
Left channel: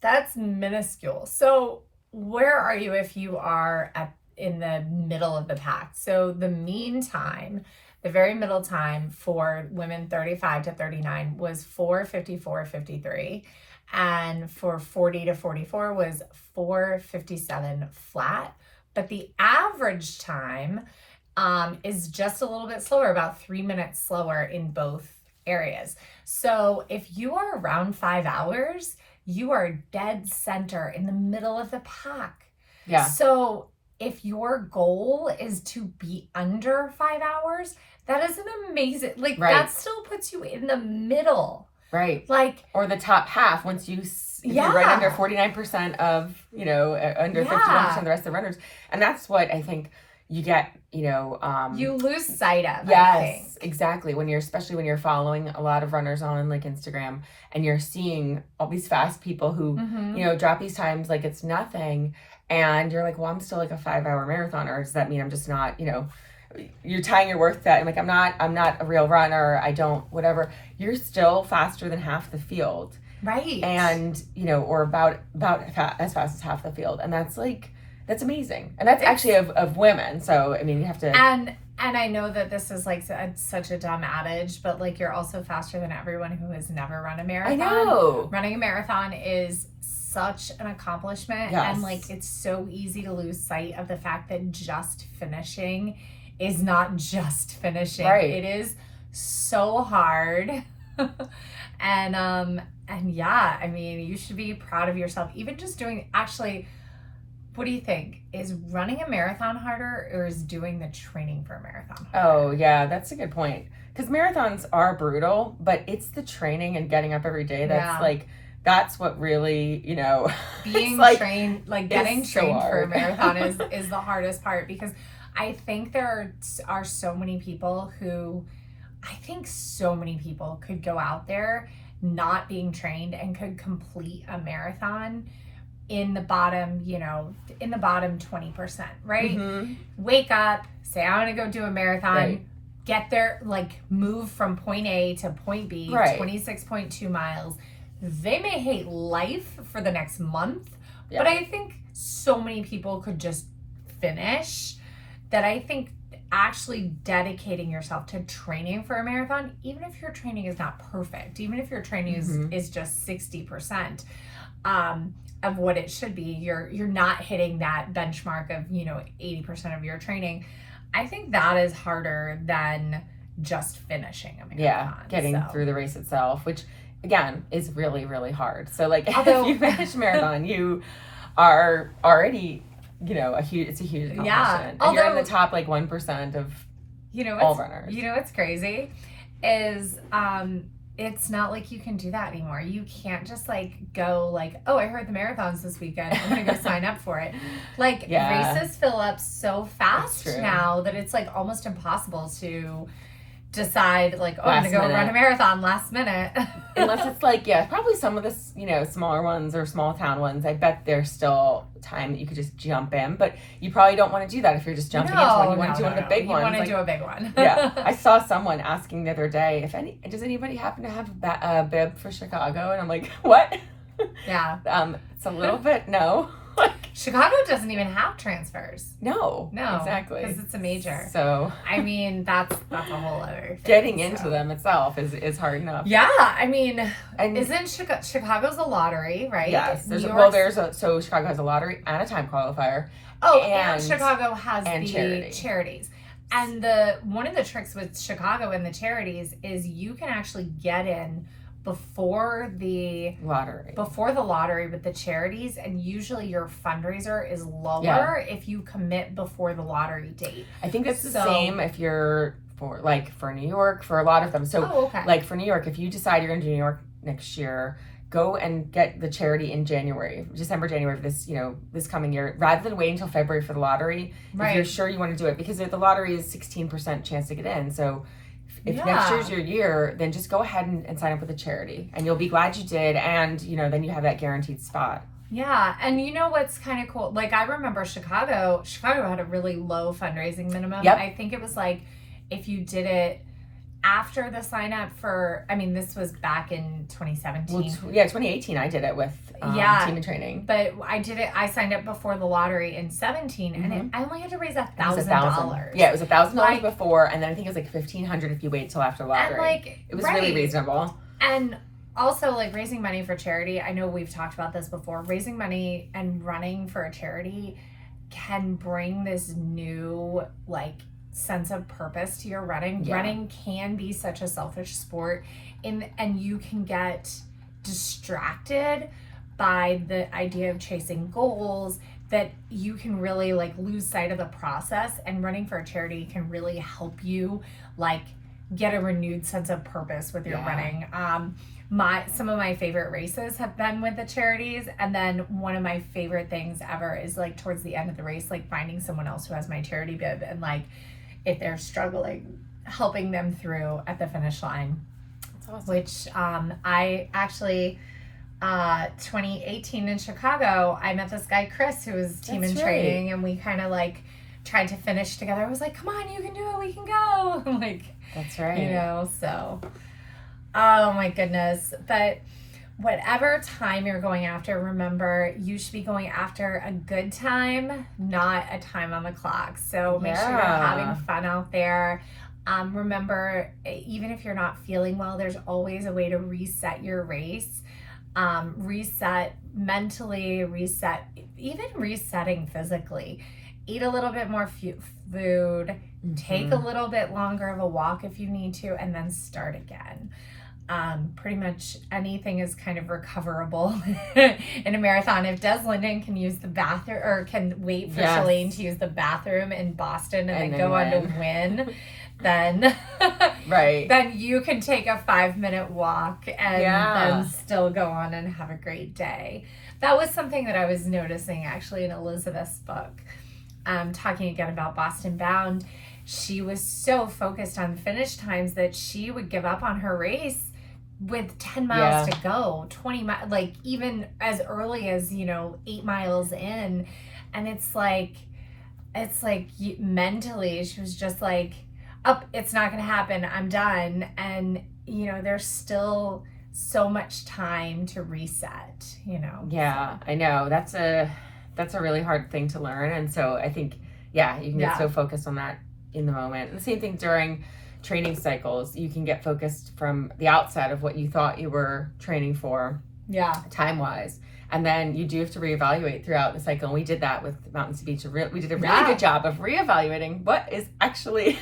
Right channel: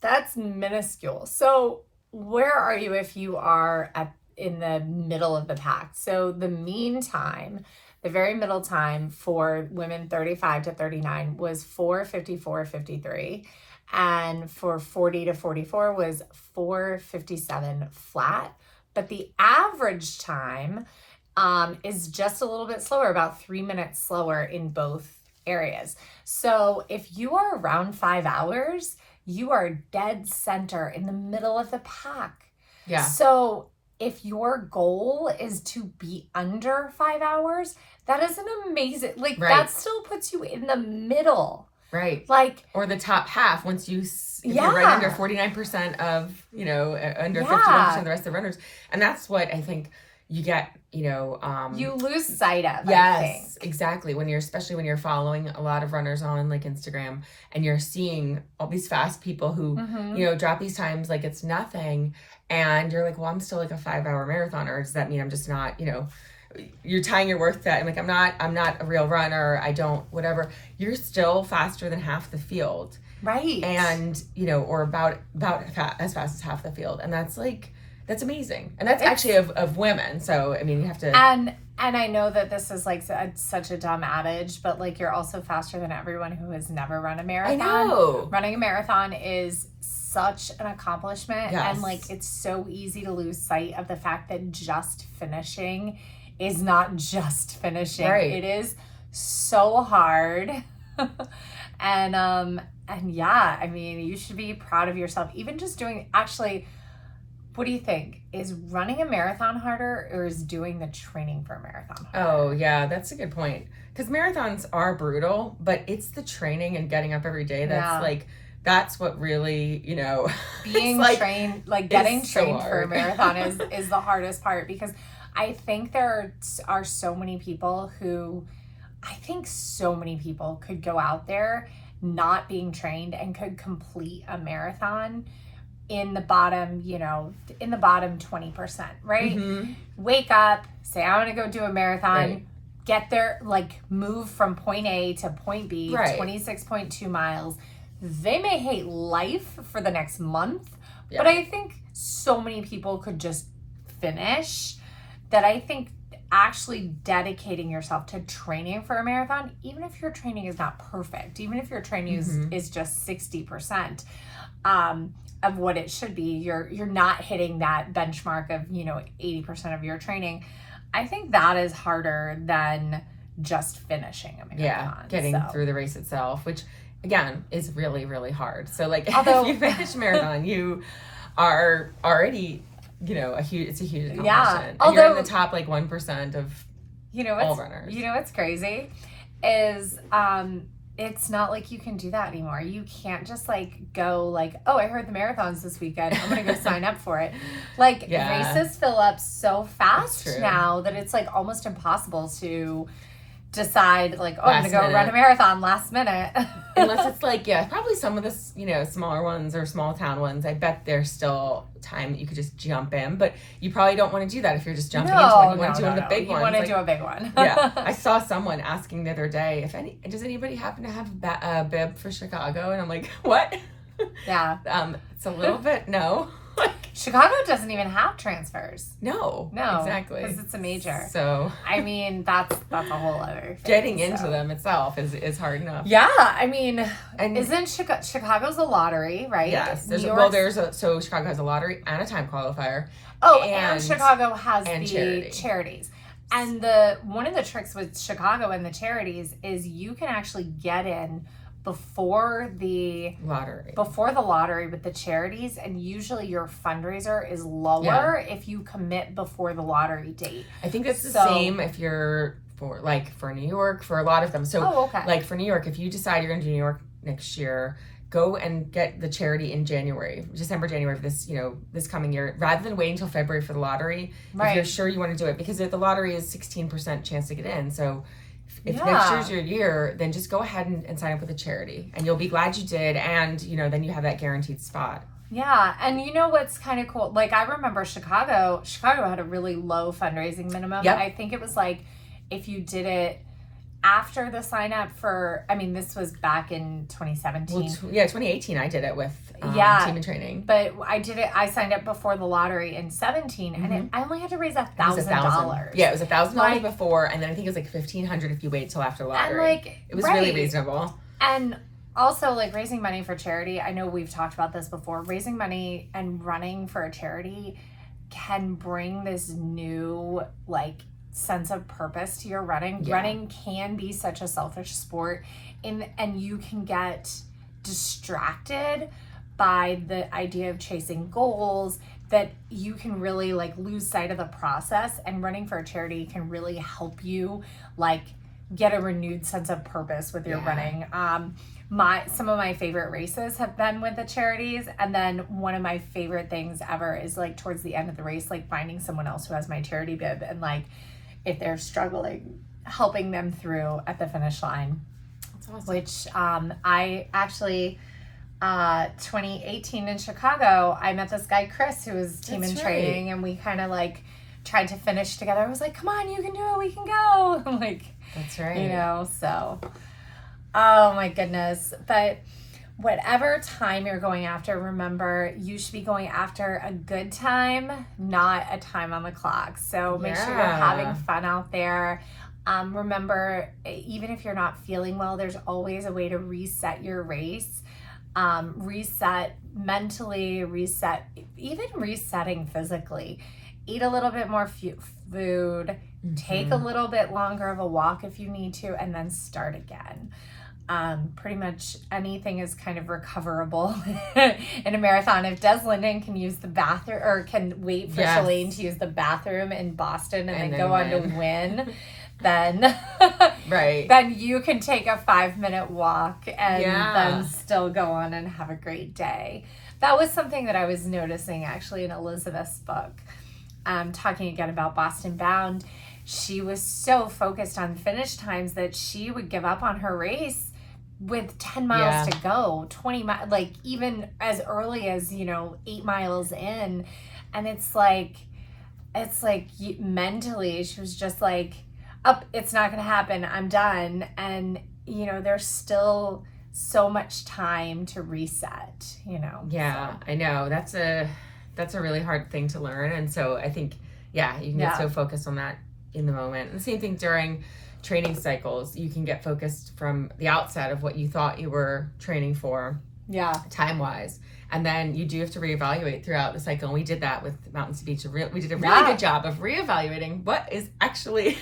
That's minuscule. So where are you if you are in the middle of the pack? So the mean time, the very middle time for women 35 to 39 was 4:54:53. And for 40 to 44 was 4:57 flat. But the average time is just a little bit slower, about 3 minutes slower in both areas. So if you are around 5 hours, you are dead center in the middle of the pack. Yeah. So if your goal is to be under 5 hours, that is an amazing, that still puts you in the middle. Right. Or the top half, once you're right under 49% of, under 51% of the rest of the runners. And that's what I think you get, you lose sight of. Yes, exactly. Especially when you're following a lot of runners on like Instagram and you're seeing all these fast people who, drop these times like it's nothing. And you're like, well, I'm still like a 5-hour marathoner. Does that mean I'm just not, you're tying your worth to that. I'm like, I'm not a real runner. I don't, whatever. You're still faster than half the field. Right. And, or about as fast as half the field. And that's like, That's amazing. And that's actually of women. So, I mean, you have to. And I know that this is like such a dumb adage, but like you're also faster than everyone who has never run a marathon. I know. Running a marathon is such an accomplishment. Yes. And like it's so easy to lose sight of the fact that just finishing is not just finishing. Right. It is so hard. And yeah, I mean, you should be proud of yourself. Even just doing, actually, what do you think? Is running a marathon harder or is doing the training for a marathon harder? Oh, yeah, that's a good point. Because marathons are brutal, but it's the training and getting up every day that's like, that's what really, you know, being like, trained, like getting trained for a marathon is the hardest part, because I think there are so many people who, I think so many people could go out there not being trained and could complete a marathon in the bottom, you know, in the bottom 20%, right? Mm-hmm. Wake up, say, I want to go do a marathon, Right. get there, like move from point A to point B, Right. 26.2 miles. They may hate life for the next month, Yeah. but I think so many people could just finish that. I think actually dedicating yourself to training for a marathon, even if your training is not perfect, even if your training is just 60%, of what it should be, you're not hitting that benchmark of, you know, 80% of your training. I think that is harder than just finishing a marathon. Yeah, getting through the race itself, which again is really, really hard. So like, although, if you finish a marathon, you are already, you know, it's a huge accomplishment. Yeah. And you're in the top like 1% of, you know, all runners. You know what's crazy is it's not like you can do that anymore. You can't just like go like, oh, I heard the marathon's this weekend, I'm gonna go sign up for it. Like races fill up so fast now that it's like almost impossible to decide like, oh, I'm gonna go run a marathon last minute. Unless it's like, yeah, probably some of the, you know, smaller ones or small town ones, I bet there's still time that you could just jump in, but you probably don't want to do that if you're just jumping into one. You want to do one of the big ones. You want to do a big one. Yeah. I saw someone asking the other day, does anybody happen to have a bib for Chicago? And I'm like, what? Yeah. It's a little bit, no. Chicago doesn't even have transfers. No, exactly, because it's a major. So I mean, that's a whole other thing. Getting into them itself is hard enough. Yeah, I mean, isn't Chicago's a lottery, right? Yes, so Chicago has a lottery and a time qualifier. Oh, and Chicago has the charities. And one of the tricks with Chicago and the charities is you can actually get in before the lottery with the charities, and usually your fundraiser is lower if you commit before the lottery date. I think that's the same if you're for New York, for a lot of them. So like for New York, if you decide you're going to do New York next year, go and get the charity in December, January of this, you know, this coming year, rather than wait until February for the lottery. If you're sure you want to do it, because the lottery is 16% chance to get in. So if next year's your year, then just go ahead and sign up with a charity, and you'll be glad you did. And, you know, then you have that guaranteed spot. Yeah. And you know what's kind of cool? Like, I remember Chicago had a really low fundraising minimum. Yep. I think it was like, if you did it after the sign up for, I mean, this was back in 2017. Well, 2018 I did it with Team in Training. But I signed up before the lottery in 17, and I only had to raise $1,000. Yeah, it was $1,000 before, and then I think it was like $1,500 if you wait till after the lottery. It was really reasonable. And also, like, raising money for charity, I know we've talked about this before, raising money and running for a charity can bring this new, like, sense of purpose to your running. Running can be such a selfish sport, and you can get distracted by the idea of chasing goals, that you can really like lose sight of the process, and running for a charity can really help you like get a renewed sense of purpose with your running. Some of my favorite races have been with the charities, and then one of my favorite things ever is like towards the end of the race, like finding someone else who has my charity bib, and like if they're struggling, helping them through at the finish line. That's awesome. Which I actually 2018 in Chicago, I met this guy Chris who was Team in Training, and we kind of like tried to finish together. I was like, come on, you can do it, we can go. I'm like, that's right. You know, so oh my goodness. But whatever time you're going after, remember you should be going after a good time, not a time on the clock. So make sure you're having fun out there. Remember, even if you're not feeling well, there's always a way to reset your race. Reset mentally, even resetting physically. Eat a little bit more food, take a little bit longer of a walk if you need to, and then start again. Pretty much anything is kind of recoverable in a marathon. If Des Linden can use the bathroom, or can wait for Shalane to use the bathroom in Boston and then go on to win, then then you can take a 5-minute walk and then still go on and have a great day. That was something that I was noticing actually in Elizabeth's book, talking again about Boston Bound. She was so focused on finish times that she would give up on her race with 10 miles to go, 20 miles, like even as early as, 8 miles in. And it's like mentally, she was just like, it's not going to happen. I'm done. And, there's still so much time to reset, Yeah, so. I know. That's a really hard thing to learn. And so I think, you can get so focused on that in the moment. And the same thing during training cycles, you can get focused from the outset of what you thought you were training for, time-wise. And then you do have to reevaluate throughout the cycle. And we did that with Mountains to Beach. We did a really good job of reevaluating what is actually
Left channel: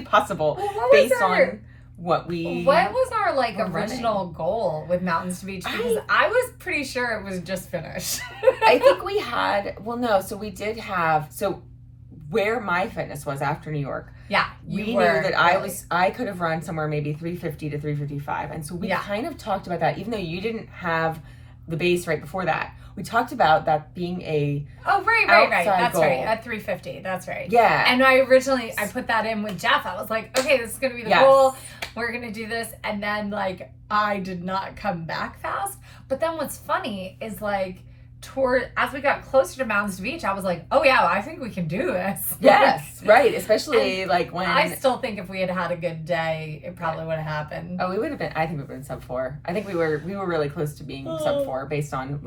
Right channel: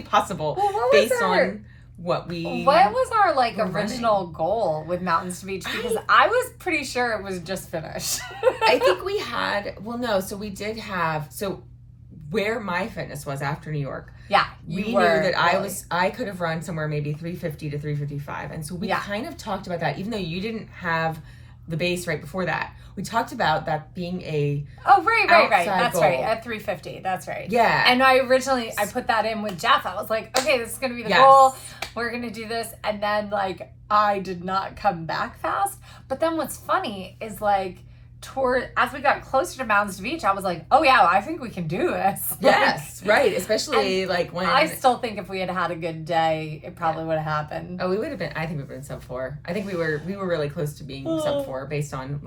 possible based on what was our original goal with Mountains to Beach? Because I was pretty sure it was just finish. I think we had, so we did have, where my fitness was after New York. Yeah. We knew that I could have run somewhere maybe 350 to 355. And so we kind of talked about that, even though you didn't have the base right before that. We talked about that being a right. That's goal. Right. At 350. That's right. Yeah. And I put that in with Jeff. I was like, okay, this is going to be the goal. We're going to do this. And then I did not come back fast. But then what's funny is as we got closer to Mountains to Beach, I was like, oh yeah, I think we can do this. Yes, right. Especially when I still think if we had had a good day, it probably would have happened. Oh, we would have been. I think we would have been sub 4. I think we were really close to being sub 4 based on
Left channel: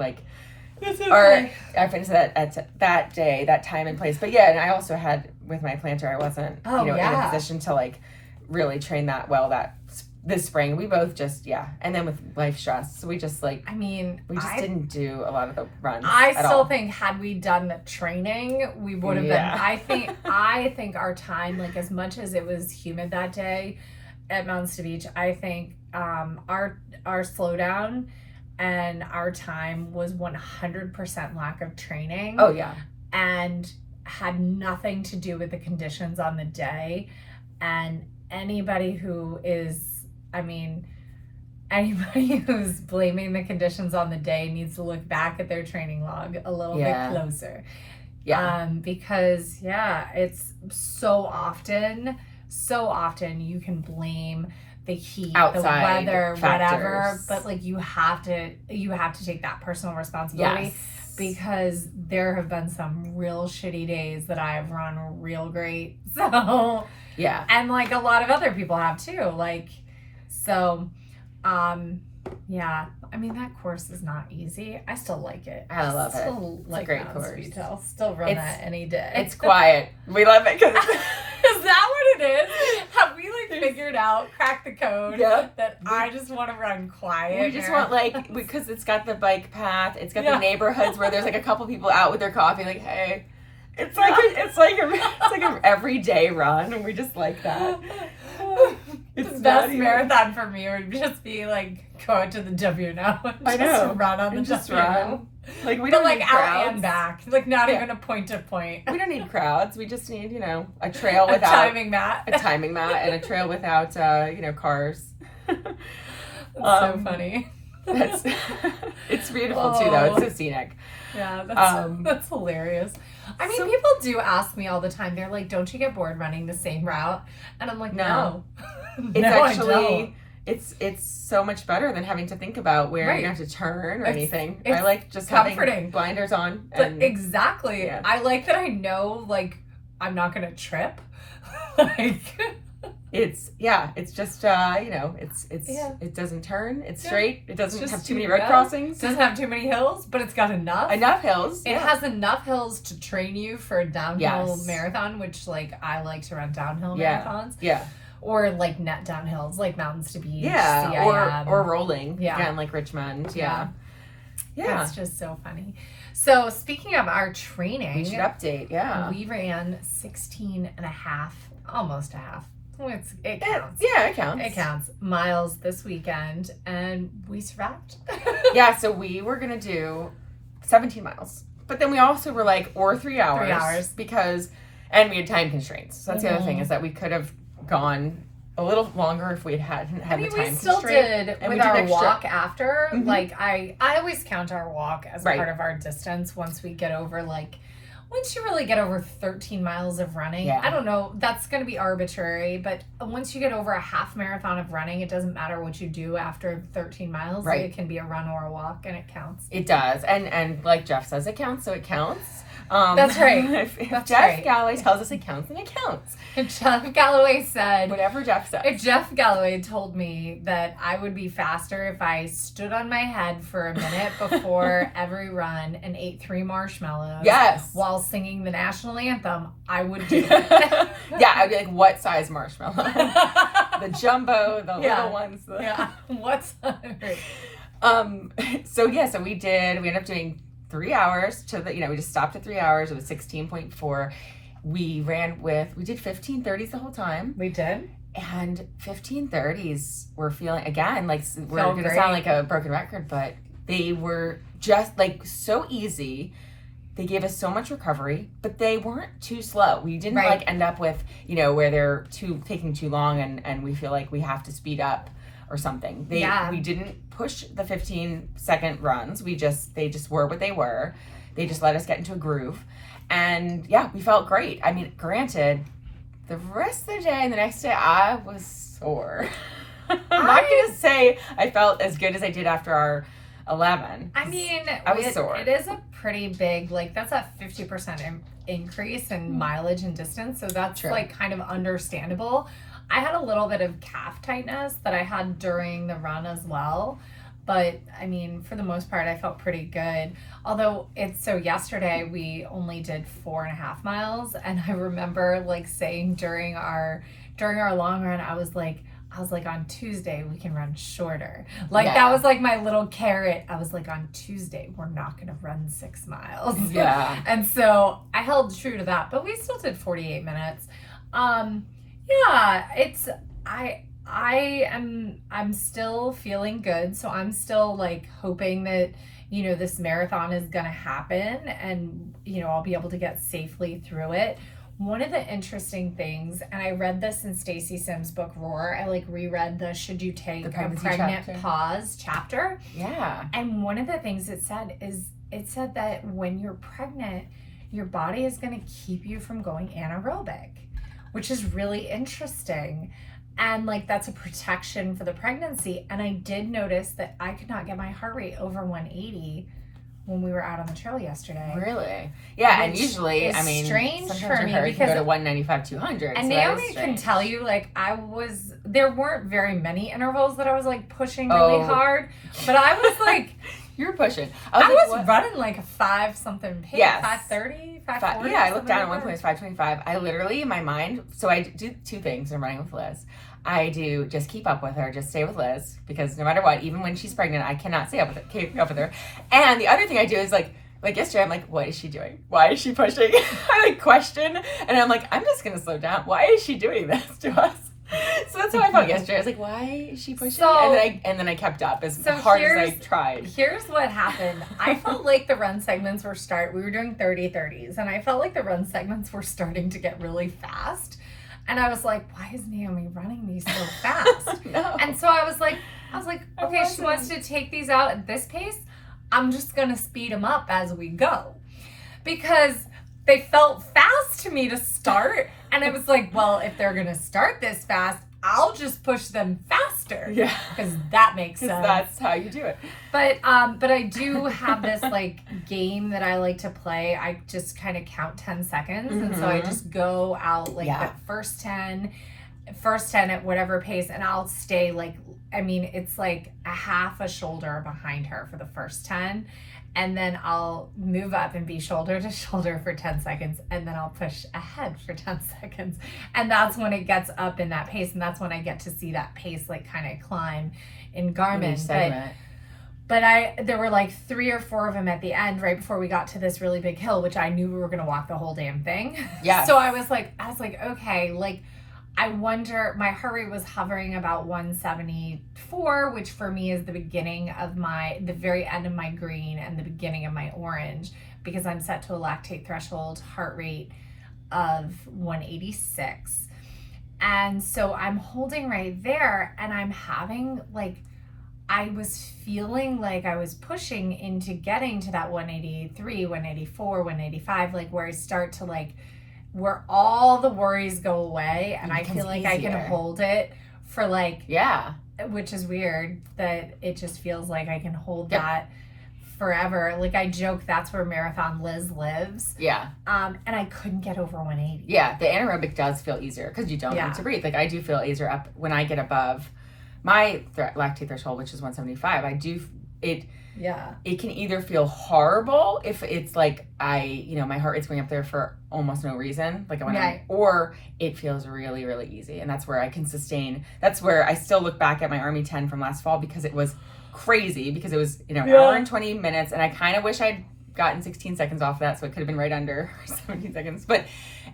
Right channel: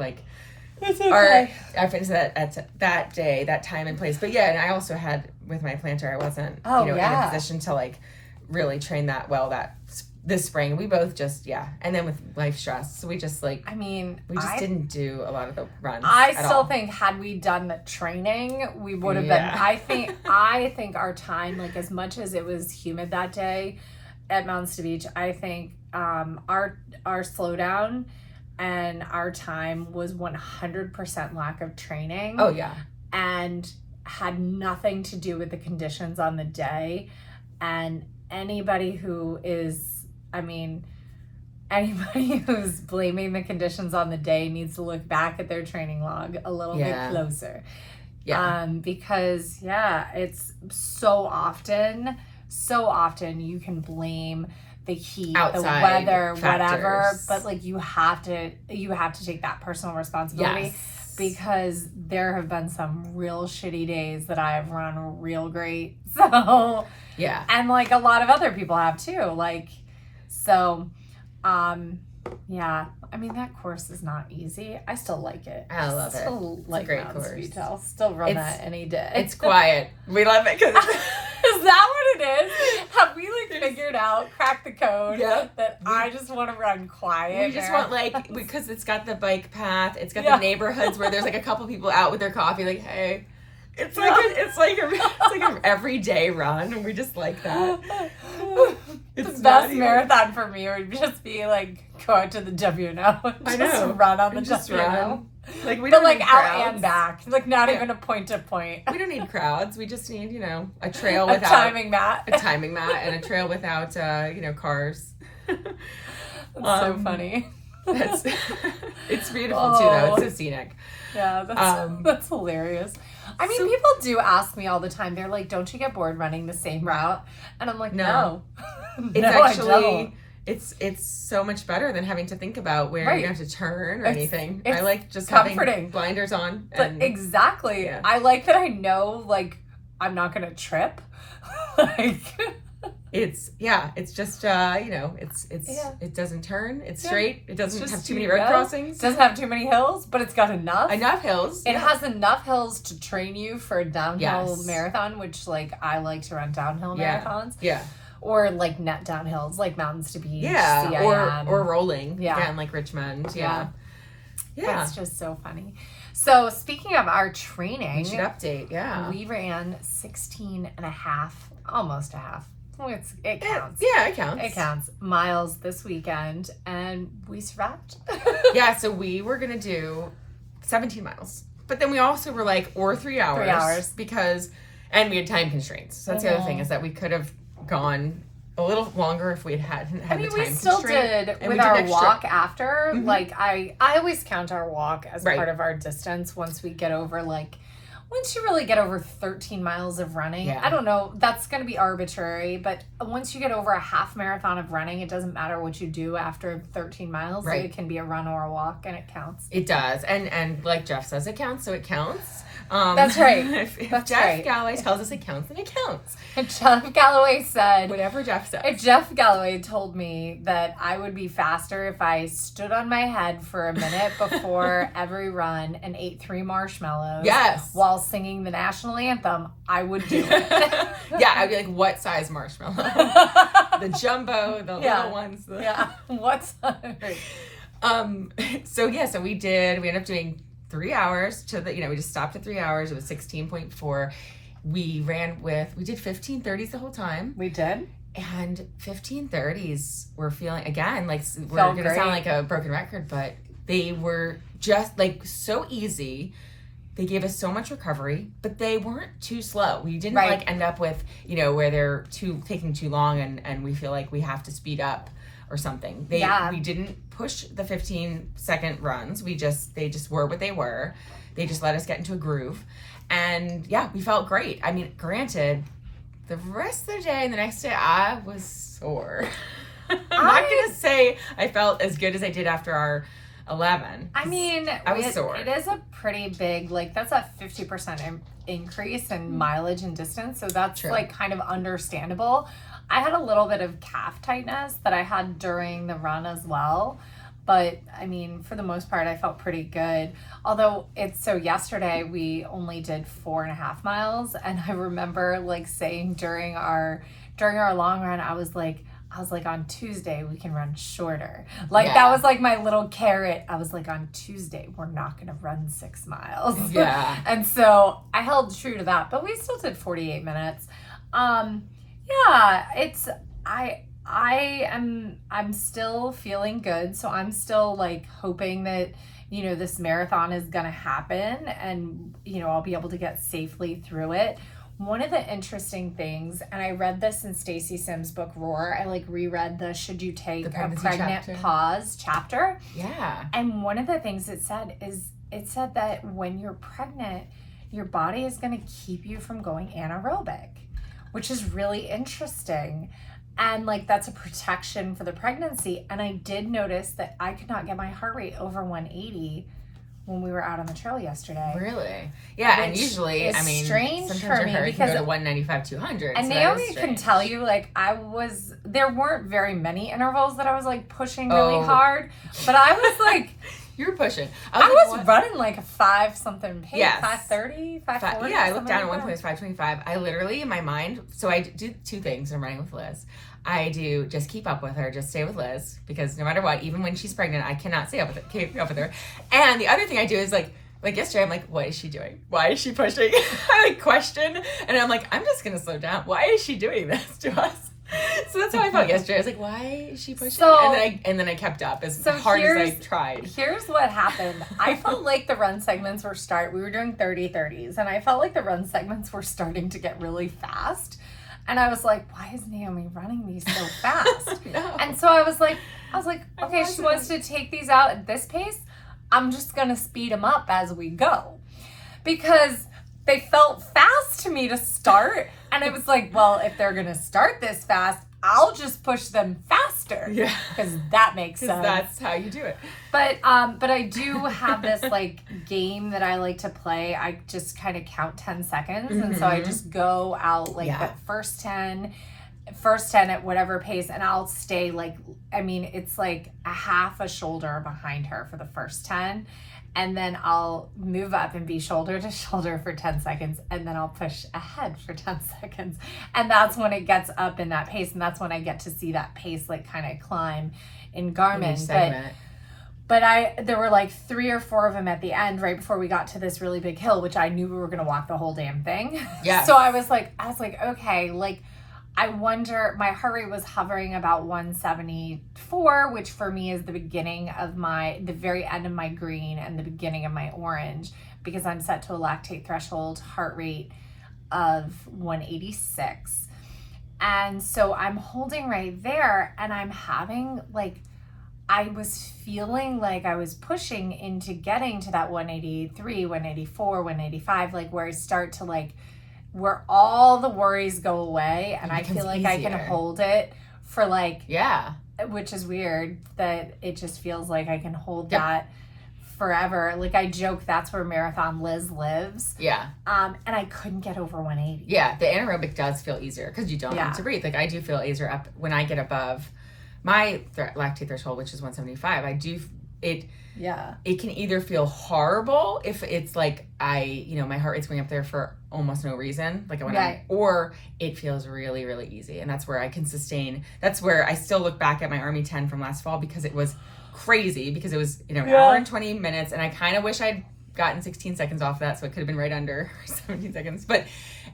our fitness at that day, that time and place. But and I also had with my plantar, I wasn't in a position to really train that well this spring. We both just and then with life stress, so we just we just didn't do a lot of the runs. I still think had we done the training, we would have been. I think our time, as much as it was humid that day at Mountains to Beach, I think our slowdown and our time was 100% lack of training. Oh yeah, and had nothing to do with the conditions on the day. And anybody who's blaming the conditions on the day needs to look back at their training log a little bit closer. Yeah. Because it's so often you can blame the heat, outside the weather, factors. whatever, but you have to take that personal responsibility. Yes. Because there have been some real shitty days that I've run real great. So yeah. And a lot of other people have too. That course is not easy. I still like it. I love it. It's a great course. I'll still run that any day. It's quiet. We love it because is that what it is? Have we figured out, cracked the code that I just want to run quiet? We just want because it's got the bike path, it's got the neighborhoods where there's a couple people out with their coffee, hey. It's like an everyday run, and we just like that. It's the best marathon for me would just be go out to the WNO and just run on the WNO. We don't need crowds. Out and back. Not even a point to point. We don't need crowds. We just need, a trail without a timing mat. And a trail without cars. That's so funny. It's beautiful too though. It's so scenic. Yeah, that's hilarious. People do ask me all the time. They're like, "Don't you get bored running the same route?" And I'm like, "No." It's actually it's so much better than having to think about where you have to turn or anything. I like just having blinders on. But exactly. Yeah. I like that I know I'm not gonna trip. it's just it doesn't turn, it's straight, it doesn't have too many road It crossings, doesn't have too many hills, but it's got enough hills. It has enough hills to train you for a downhill Yes. marathon, which like I like to run downhill marathons. Yeah. Or like net downhills, like Mountains to Beach. Yeah. CIM. Or rolling. Yeah. Again, like Richmond. Yeah. It's just so funny. So speaking of our training, We should update. Yeah. we ran 16 and a half, almost a half. It counts. Yeah, it counts. It counts. Miles this weekend, and we survived. Yeah, so we were going to do 17 miles. But then we also were like, or 3 hours. 3 hours. Because, and we had time constraints. So that's the other thing, is that we could have gone a little longer if we hadn't had the time constraint. We still did, and with our walk after. Mhm. Like, I always count our walk as Right. part of our distance once we get over, once you really get over 13 miles of running. Yeah. I don't know, that's going to be arbitrary, but once you get over a half marathon of running, it doesn't matter what you do after 13 miles. Right. Like, it can be a run or a walk, and it counts. It does. And like Jeff says, it counts, so it counts. That's right. If That's Jeff right. Galloway tells us it counts, then it counts. Jeff Galloway said, Whatever Jeff says. if Jeff Galloway told me that I would be faster if I stood on my head for a minute before every run and ate 3 marshmallows Yes. while singing the national anthem, I would do it. Yeah, I'd be like, what size marshmallow? The jumbo, the little ones. Yeah. What's So we ended up doing 3 hours we just stopped at 3 hours. It was 16.4. We did 15:30s the whole time. We did? And 15:30s were feeling, again, like we're Felt going to sound like a broken record, but they were just like so easy. They gave us so much recovery, but they weren't too slow. We didn't Right. like end up with, where they're taking too long and we feel like we have to speed up or something. We didn't push the 15-second runs. They just were what they were. They just let us get into a groove. And we felt great. I mean, granted, the rest of the day and the next day, I was sore. I'm not going to say I felt as good as I did after our 11. I mean, I was sore. It is a pretty big, that's a 50% increase in mileage and distance. So that's True. kind of understandable. I had a little bit of calf tightness that I had during the run as well. But I mean, for the most part, I felt pretty good. Although yesterday we only did 4.5 miles. And I remember saying during our long run, I was like, on Tuesday, we can run shorter. That was my little carrot. I was like, on Tuesday, we're not going to run 6 miles. Yeah. And so I held true to that, but we still did 48 minutes. I'm still feeling good. So I'm still hoping that, this marathon is going to happen and, I'll be able to get safely through it. One of the interesting things, and I read this in Stacy Sims' book Roar, I reread the Should You Take a Pregnant chapter. Pause chapter. Yeah. And one of the things it said that when you're pregnant, your body is going to keep you from going anaerobic, which is really interesting. And that's a protection for the pregnancy. And I did notice that I could not get my heart rate over 180 when we were out on the trail yesterday. Really? Yeah, and Which usually, is strange sometimes for your me heart can go because- to 195, 200. And so that is Naomi can strange. tell you, there weren't very many intervals that I was pushing really hard, but I was You were pushing. I like, was what? running a 5 something pace, Yes. 5:30, 5:40. Yeah, I looked down at something one point, it was 5:25. I literally, in my mind, so I do 2 things when I'm running with Liz. I do just keep up with her, just stay with Liz, because no matter what, even when she's pregnant, I cannot keep up with her. And the other thing I do is like yesterday, I'm like, what is she doing? Why is she pushing? I question, and I'm like, I'm just gonna slow down. Why is she doing this to us? So that's how I felt yesterday. I was like, why is she pushing? So- and then I kept up as hard as I tried. Here's what happened. I felt like the run segments we were doing 30-30s, and I felt like the run segments were starting to get really fast. And I was like, why is Naomi running these so fast? No. And so I was like, okay, she wants to take these out at this pace. I'm just going to speed them up as we go. Because they felt fast to me to start. And I was like, well, if they're going to start this fast, I'll just push them faster. Yeah. Because that makes sense. That's how you do it. But I do have this game that I like to play. I just kind of count 10 seconds. And so I just go out the first 10 first 10 at whatever pace, and I'll stay like, I mean, it's like a half a shoulder behind her for the first 10. And then I'll move up and be shoulder to shoulder for 10 seconds. And then I'll push ahead for 10 seconds. And that's when it gets up in that pace. And that's when I get to see that pace like kind of climb in Garmin. But there were like 3 or 4 of them at the end right before we got to this really big hill, which I knew we were going to walk the whole damn thing. Yeah. So I was like, okay, like, I wonder, my heart rate was hovering about 174, which for me is the beginning of the very end of my green and the beginning of my orange, because I'm set to a lactate threshold heart rate of 186. And so I'm holding right there, and I'm having like, I was feeling like I was pushing into getting to that 183, 184, 185, like where I start to like, where all the worries go away, and I feel like easier. I can hold it for like, which is weird that it just feels like I can hold that forever. Like I joke, that's where Marathon Liz lives. Yeah. And I couldn't get over 180. Yeah, the anaerobic does feel easier because you don't need to breathe. Like I do feel easier up when I get above my lactate threshold, which is 175. It can either feel horrible if it's like my heart rate's going up there for almost no reason, like I went on, or it feels really, really easy. And that's where I can sustain. That's where I still look back at my Army 10 from last fall, because it was crazy, because it was, an hour and 20 minutes. And I kind of wish I'd gotten 16 seconds off of that, so it could have been right under 17 seconds. But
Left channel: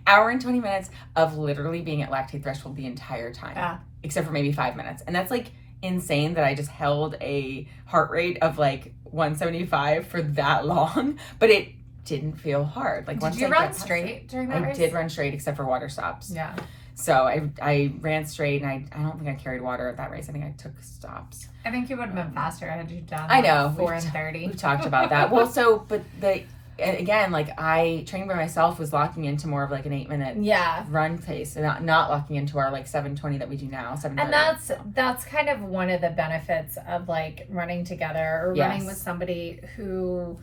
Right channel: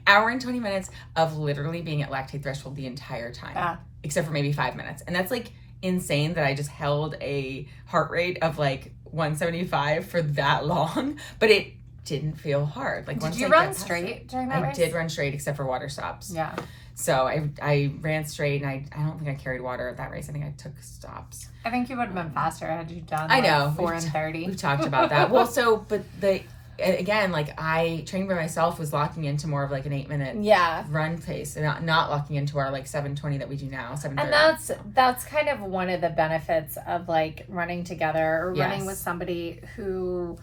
hour and 20 minutes of literally being at lactate threshold the entire time, except for maybe 5 minutes. And that's like insane that I just held a heart rate of like 175 for that long, but it didn't feel hard. Like, did you run straight during that race? I did run straight, except for water stops. Yeah. So I ran straight, and I don't think I carried water at that race. I think I took stops. I think you would have been faster had you done. I know, 4 and 30. We've talked about that. Well, but again, like I training by myself was locking into more of like an 8-minute run pace, and not locking into our like 7:20 that we do now, 7:30. And that's kind of one of the benefits of like running together or running with somebody who,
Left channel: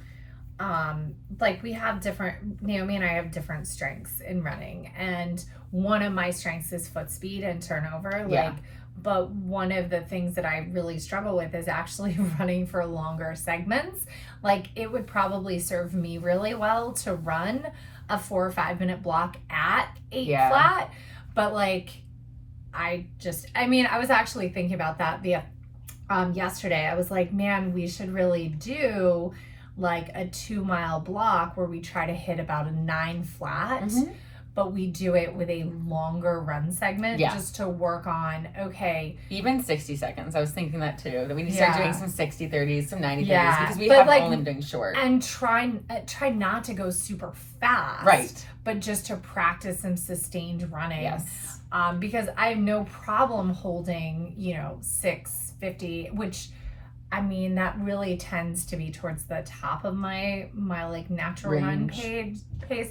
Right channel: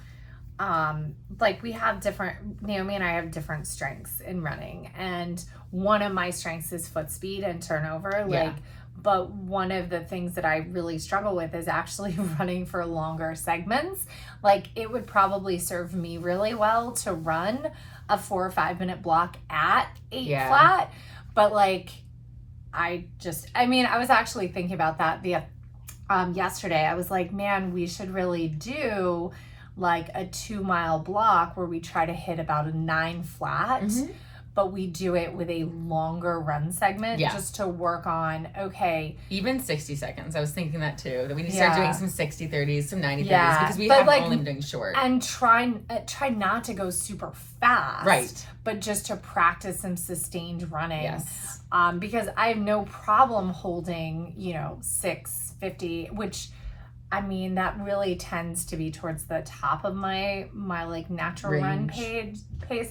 like we have Naomi and I have different strengths in running, and one of my strengths is foot speed and turnover. But one of the things that I really struggle with is actually running for longer segments. Like it would probably serve me really well to run a 4 or 5 minute block at 8 flat. But like, I was actually thinking about that yesterday. I was like, man, we should really do like a 2-mile block where we try to hit about a 9 flat. Mm-hmm. But we do it with a longer run segment just to work on, even 60 seconds. I was thinking that too, that we need to start doing some 60 30s, some 90 30s, because we have only been doing short. And try not to go super fast. Right. But just to practice some sustained running. Yes. Because I have no problem holding, 650, which, I mean, that really tends to be towards the top of my like natural run pace.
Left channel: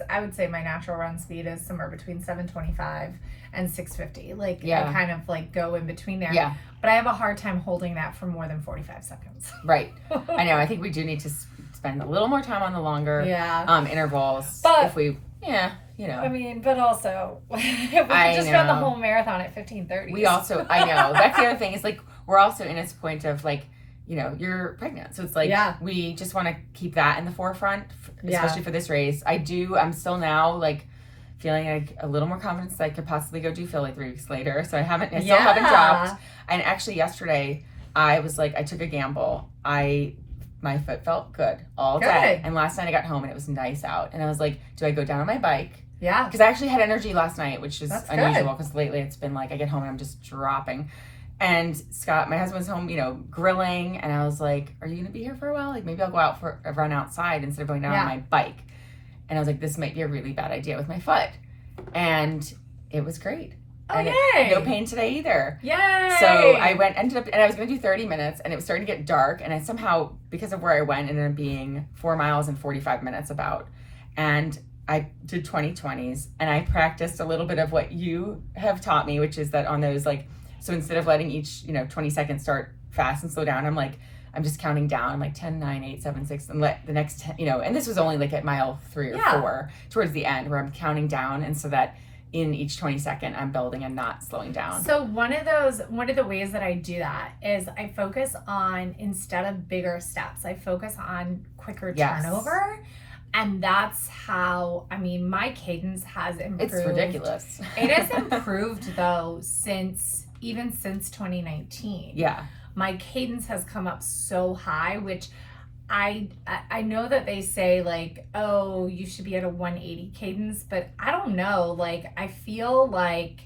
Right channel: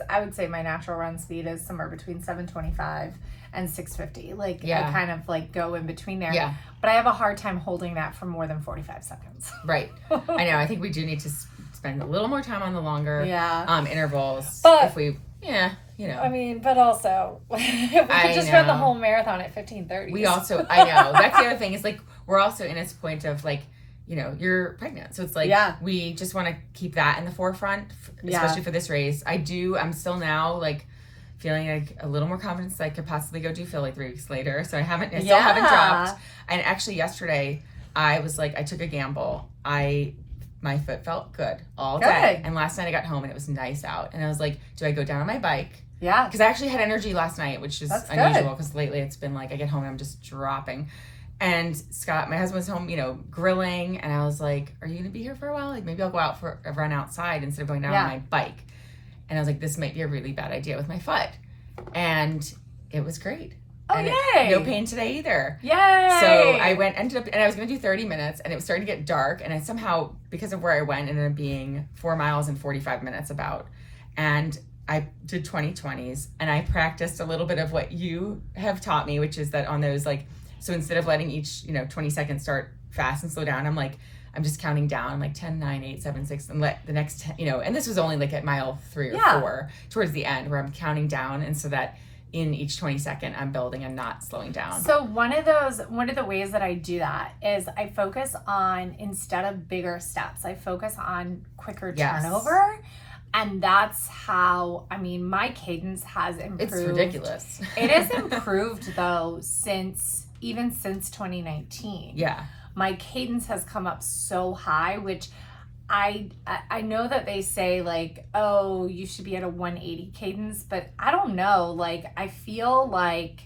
I would say my natural run speed is somewhere between 725 and 650. Like I kind of like go in between there. Yeah. But I have a hard time holding that for more than 45 seconds. Right. I know. I think we do need to spend a little more time on the longer intervals. But if we, I mean, but also, if we could just run the whole marathon at 15:30. We also, I know. That's the other thing is like, we're also in this point of like, you're pregnant. So it's like, we just want to keep that in the forefront, especially for this race. I'm still now like feeling like a little more confidence that I could possibly go do Phil like 3 weeks later. So I still haven't dropped. And actually yesterday I was like, I took a gamble. My foot felt good all day. And last night I got home and it was nice out. And I was like, do I go down on my bike? Yeah. Because I actually had energy last night, which is unusual because lately it's been like, I get home and I'm just dropping. And Scott, my husband, was home, grilling. And I was like, are you going to be here for a while? Like, maybe I'll go out for a run outside instead of going down on my bike. And I was like, this might be a really bad idea with my foot. And it was great. And no pain today either. Yay! So I ended up, and I was going to do 30 minutes, and it was starting to get dark. And I somehow, because of where I went, ended up being 4 miles and 45 minutes about. And I did 20/20s. And I practiced a little bit of what you have taught me, which is that on those, like, so instead of letting each, 20 seconds start fast and slow down, I'm just counting down. I'm like 10, 9, 8, 7, 6, and let the next 10, and this was only like at mile 3 or 4 towards the end where I'm counting down. And so that in each 22nd, I'm building and not slowing down. So one of the ways that I do that is I focus on, instead of bigger steps, I focus on quicker turnover. And that's how, I mean, my cadence has improved. It's ridiculous. It has improved though since 2019. Yeah. My cadence has come up so high, which I know that they say like, oh, you should be at a 180 cadence, but I don't know. Like, I feel like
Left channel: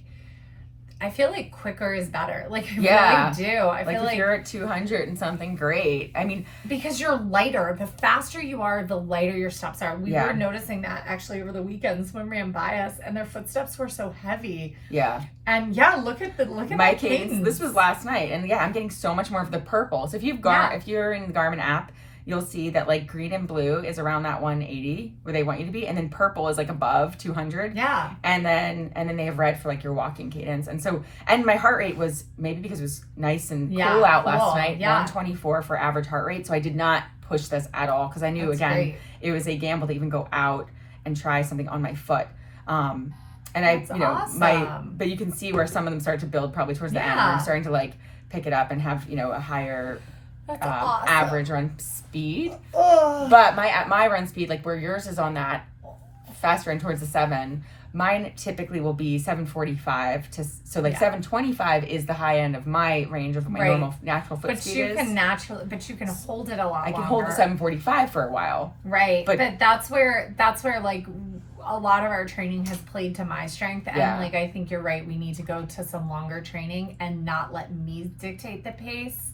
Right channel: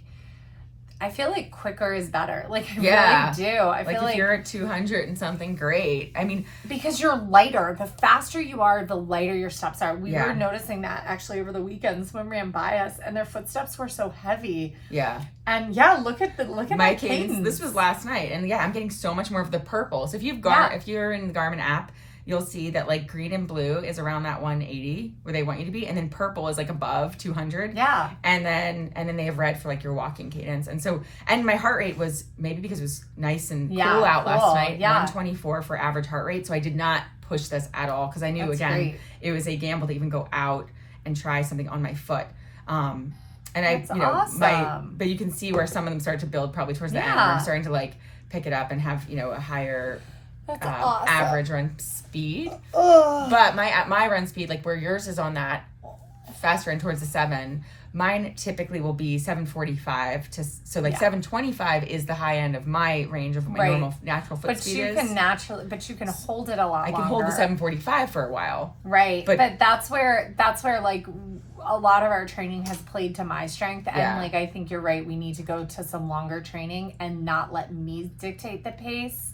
quicker is better. Like, I really do. I feel if you're at 200 and something, great. I mean, because you're lighter. The faster you are, the lighter your steps are. We were noticing that actually over the weekend. Someone ran by us, and their footsteps were so heavy. Yeah. And look at my cadence. This was last night, and I'm getting so much more of the purple. So if if you're in the Garmin app, you'll see that like green and blue is around that 180 where they want you to be, and then purple is like above 200. Yeah. And then they have red for like your walking cadence. And my heart rate was, maybe because it was nice and cool out last night, 124 for average heart rate. So I did not push this at all because I knew it was a gamble to even go out and try something on my foot. And awesome. But you can see where some of them start to build probably towards the end where I'm starting to like pick it up and have, a higher awesome. Average run speed. But my run speed, like where yours is on that faster and towards the 7, mine typically will be 7:45 to 7:25 is the high end of my range of my normal natural foot speed. But you can hold it a lot. I can hold the 7:45 for a while. Right. But that's where like a lot of our training has played to my strength, and like I think you're right. We need to go to some longer training and not let me dictate the pace.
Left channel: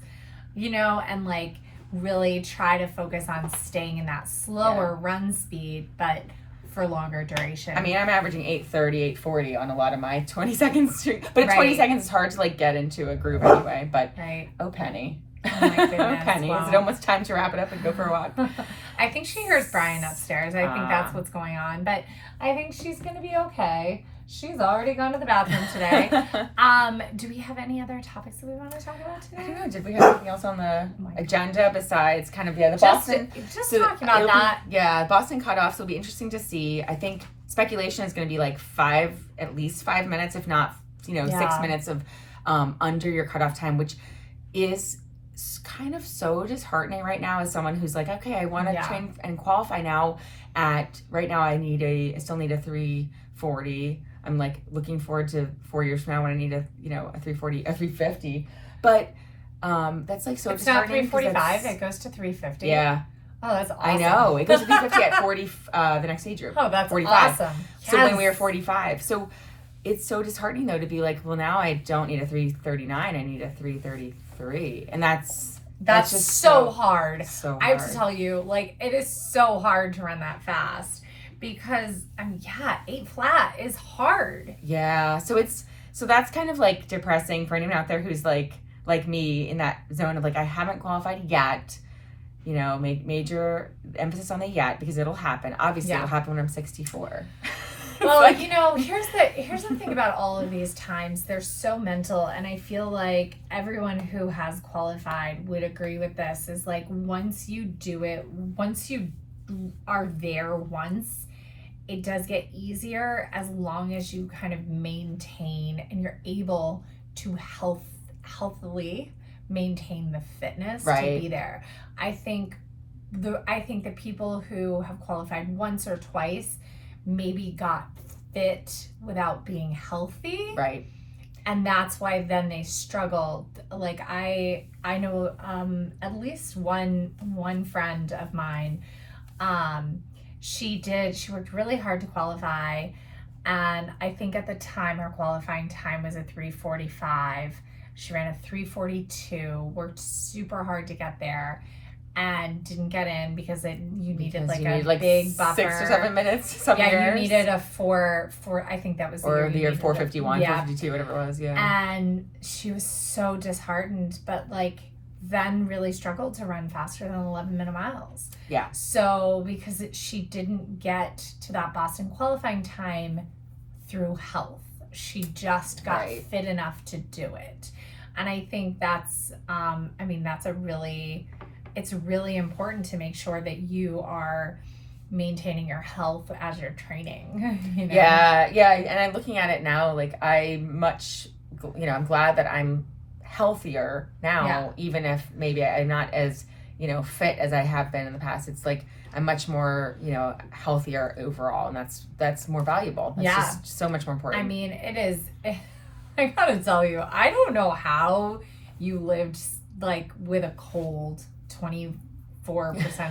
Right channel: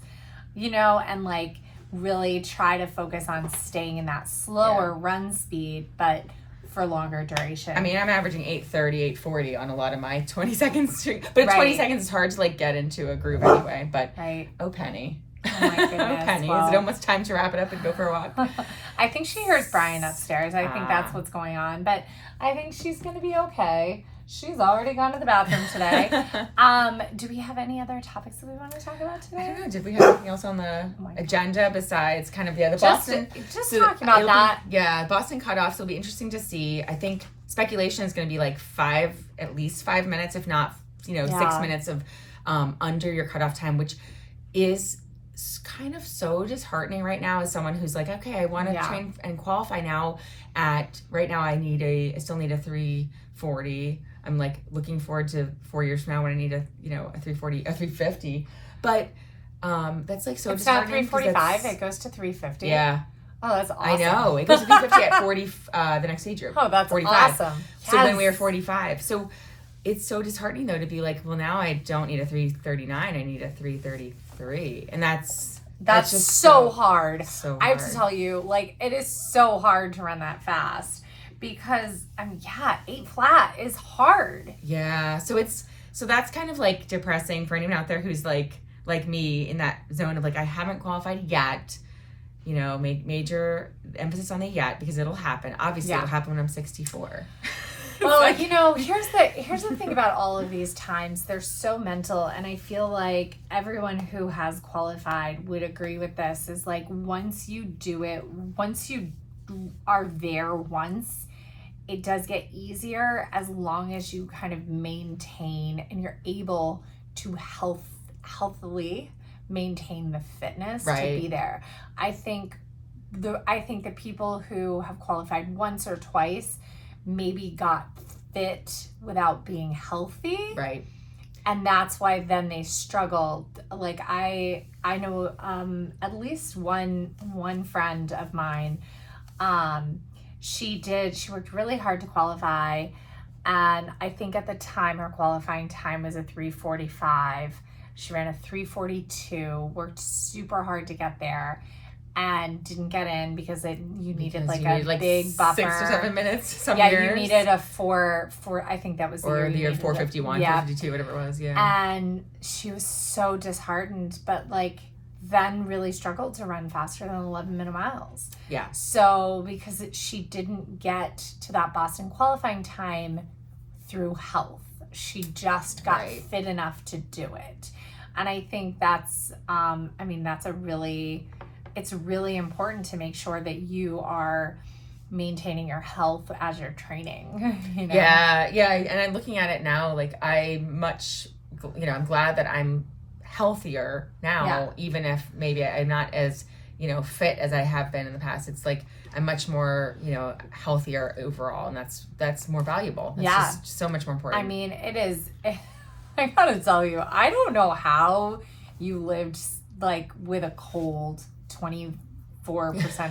And like really try to focus on staying in that slower run speed, but for longer duration. I mean, I'm averaging 8:30, 8:40 on a lot of my 20 seconds. But 20 seconds is hard to like get into a groove anyway. But oh, Penny. Oh my goodness. Penny, is it almost time to wrap it up and go for a walk? I think she hears Brian upstairs. I think that's what's going on. But I think she's going to be okay. She's already gone to the bathroom today. Do we have any other topics that we want to talk about today? I don't know. Did we have anything else on the agenda besides kind of the Boston? Just talking about that. Boston cutoffs will be interesting to see. I think speculation is going to be like at least 5 minutes, if not 6 minutes of under your cutoff time, which is kind of so disheartening right now as someone who's like, okay, I want to train and qualify now. Right now I still need a 340. I'm like looking forward to 4 years from now when I need a 340, a 350. But that's like so disheartening. It's not 345, it goes to 350. Yeah. Oh, that's awesome. I know. It goes to 350 at 40 the next age group. Oh, that's 45. Awesome. So when we were 45. So it's so disheartening though to be like, well, now I don't need a 339, I need a 333. And that's just so hard. So hard. I have to tell you, like, it is so hard to run that fast. Because 8 flat is hard. Yeah. So that's kind of like depressing for anyone out there who's like me in that zone of like, I haven't qualified yet. Make major emphasis on the yet because it'll happen. Obviously it'll happen when I'm 64. Well, here's the thing about all of these times. They're so mental, and I feel like everyone who has qualified would agree with this, is like once you do it, once you are there once, it does get easier as long as you kind of maintain and you're able to healthily maintain the fitness to be there. I think the people who have qualified once or twice maybe got fit without being healthy. Right. And that's why then they struggled. Like I know at least one friend of mine, she worked really hard to qualify, and I think at the time her qualifying time was a 345. She ran a 342, worked super hard to get there, and didn't get in because you needed a big buffer. 6 or 7 minutes some years. You needed a four, I think that was the year 451, 452, whatever it was, And she was so disheartened, but then really struggled to run faster than 11-minute miles. Yeah. So because she didn't get to that Boston qualifying time through health. She just got fit enough to do it. And I think that's it's really important to make sure that you are maintaining your health as you're training. You know? Yeah. And I'm looking at it now, like I'm glad that I'm healthier now, even if maybe I'm not as, fit as I have been in the past. It's like I'm much more, healthier overall, and that's more valuable. That's just so much more important. I mean, it is. I gotta tell you, I don't know how you lived like with a cold 24%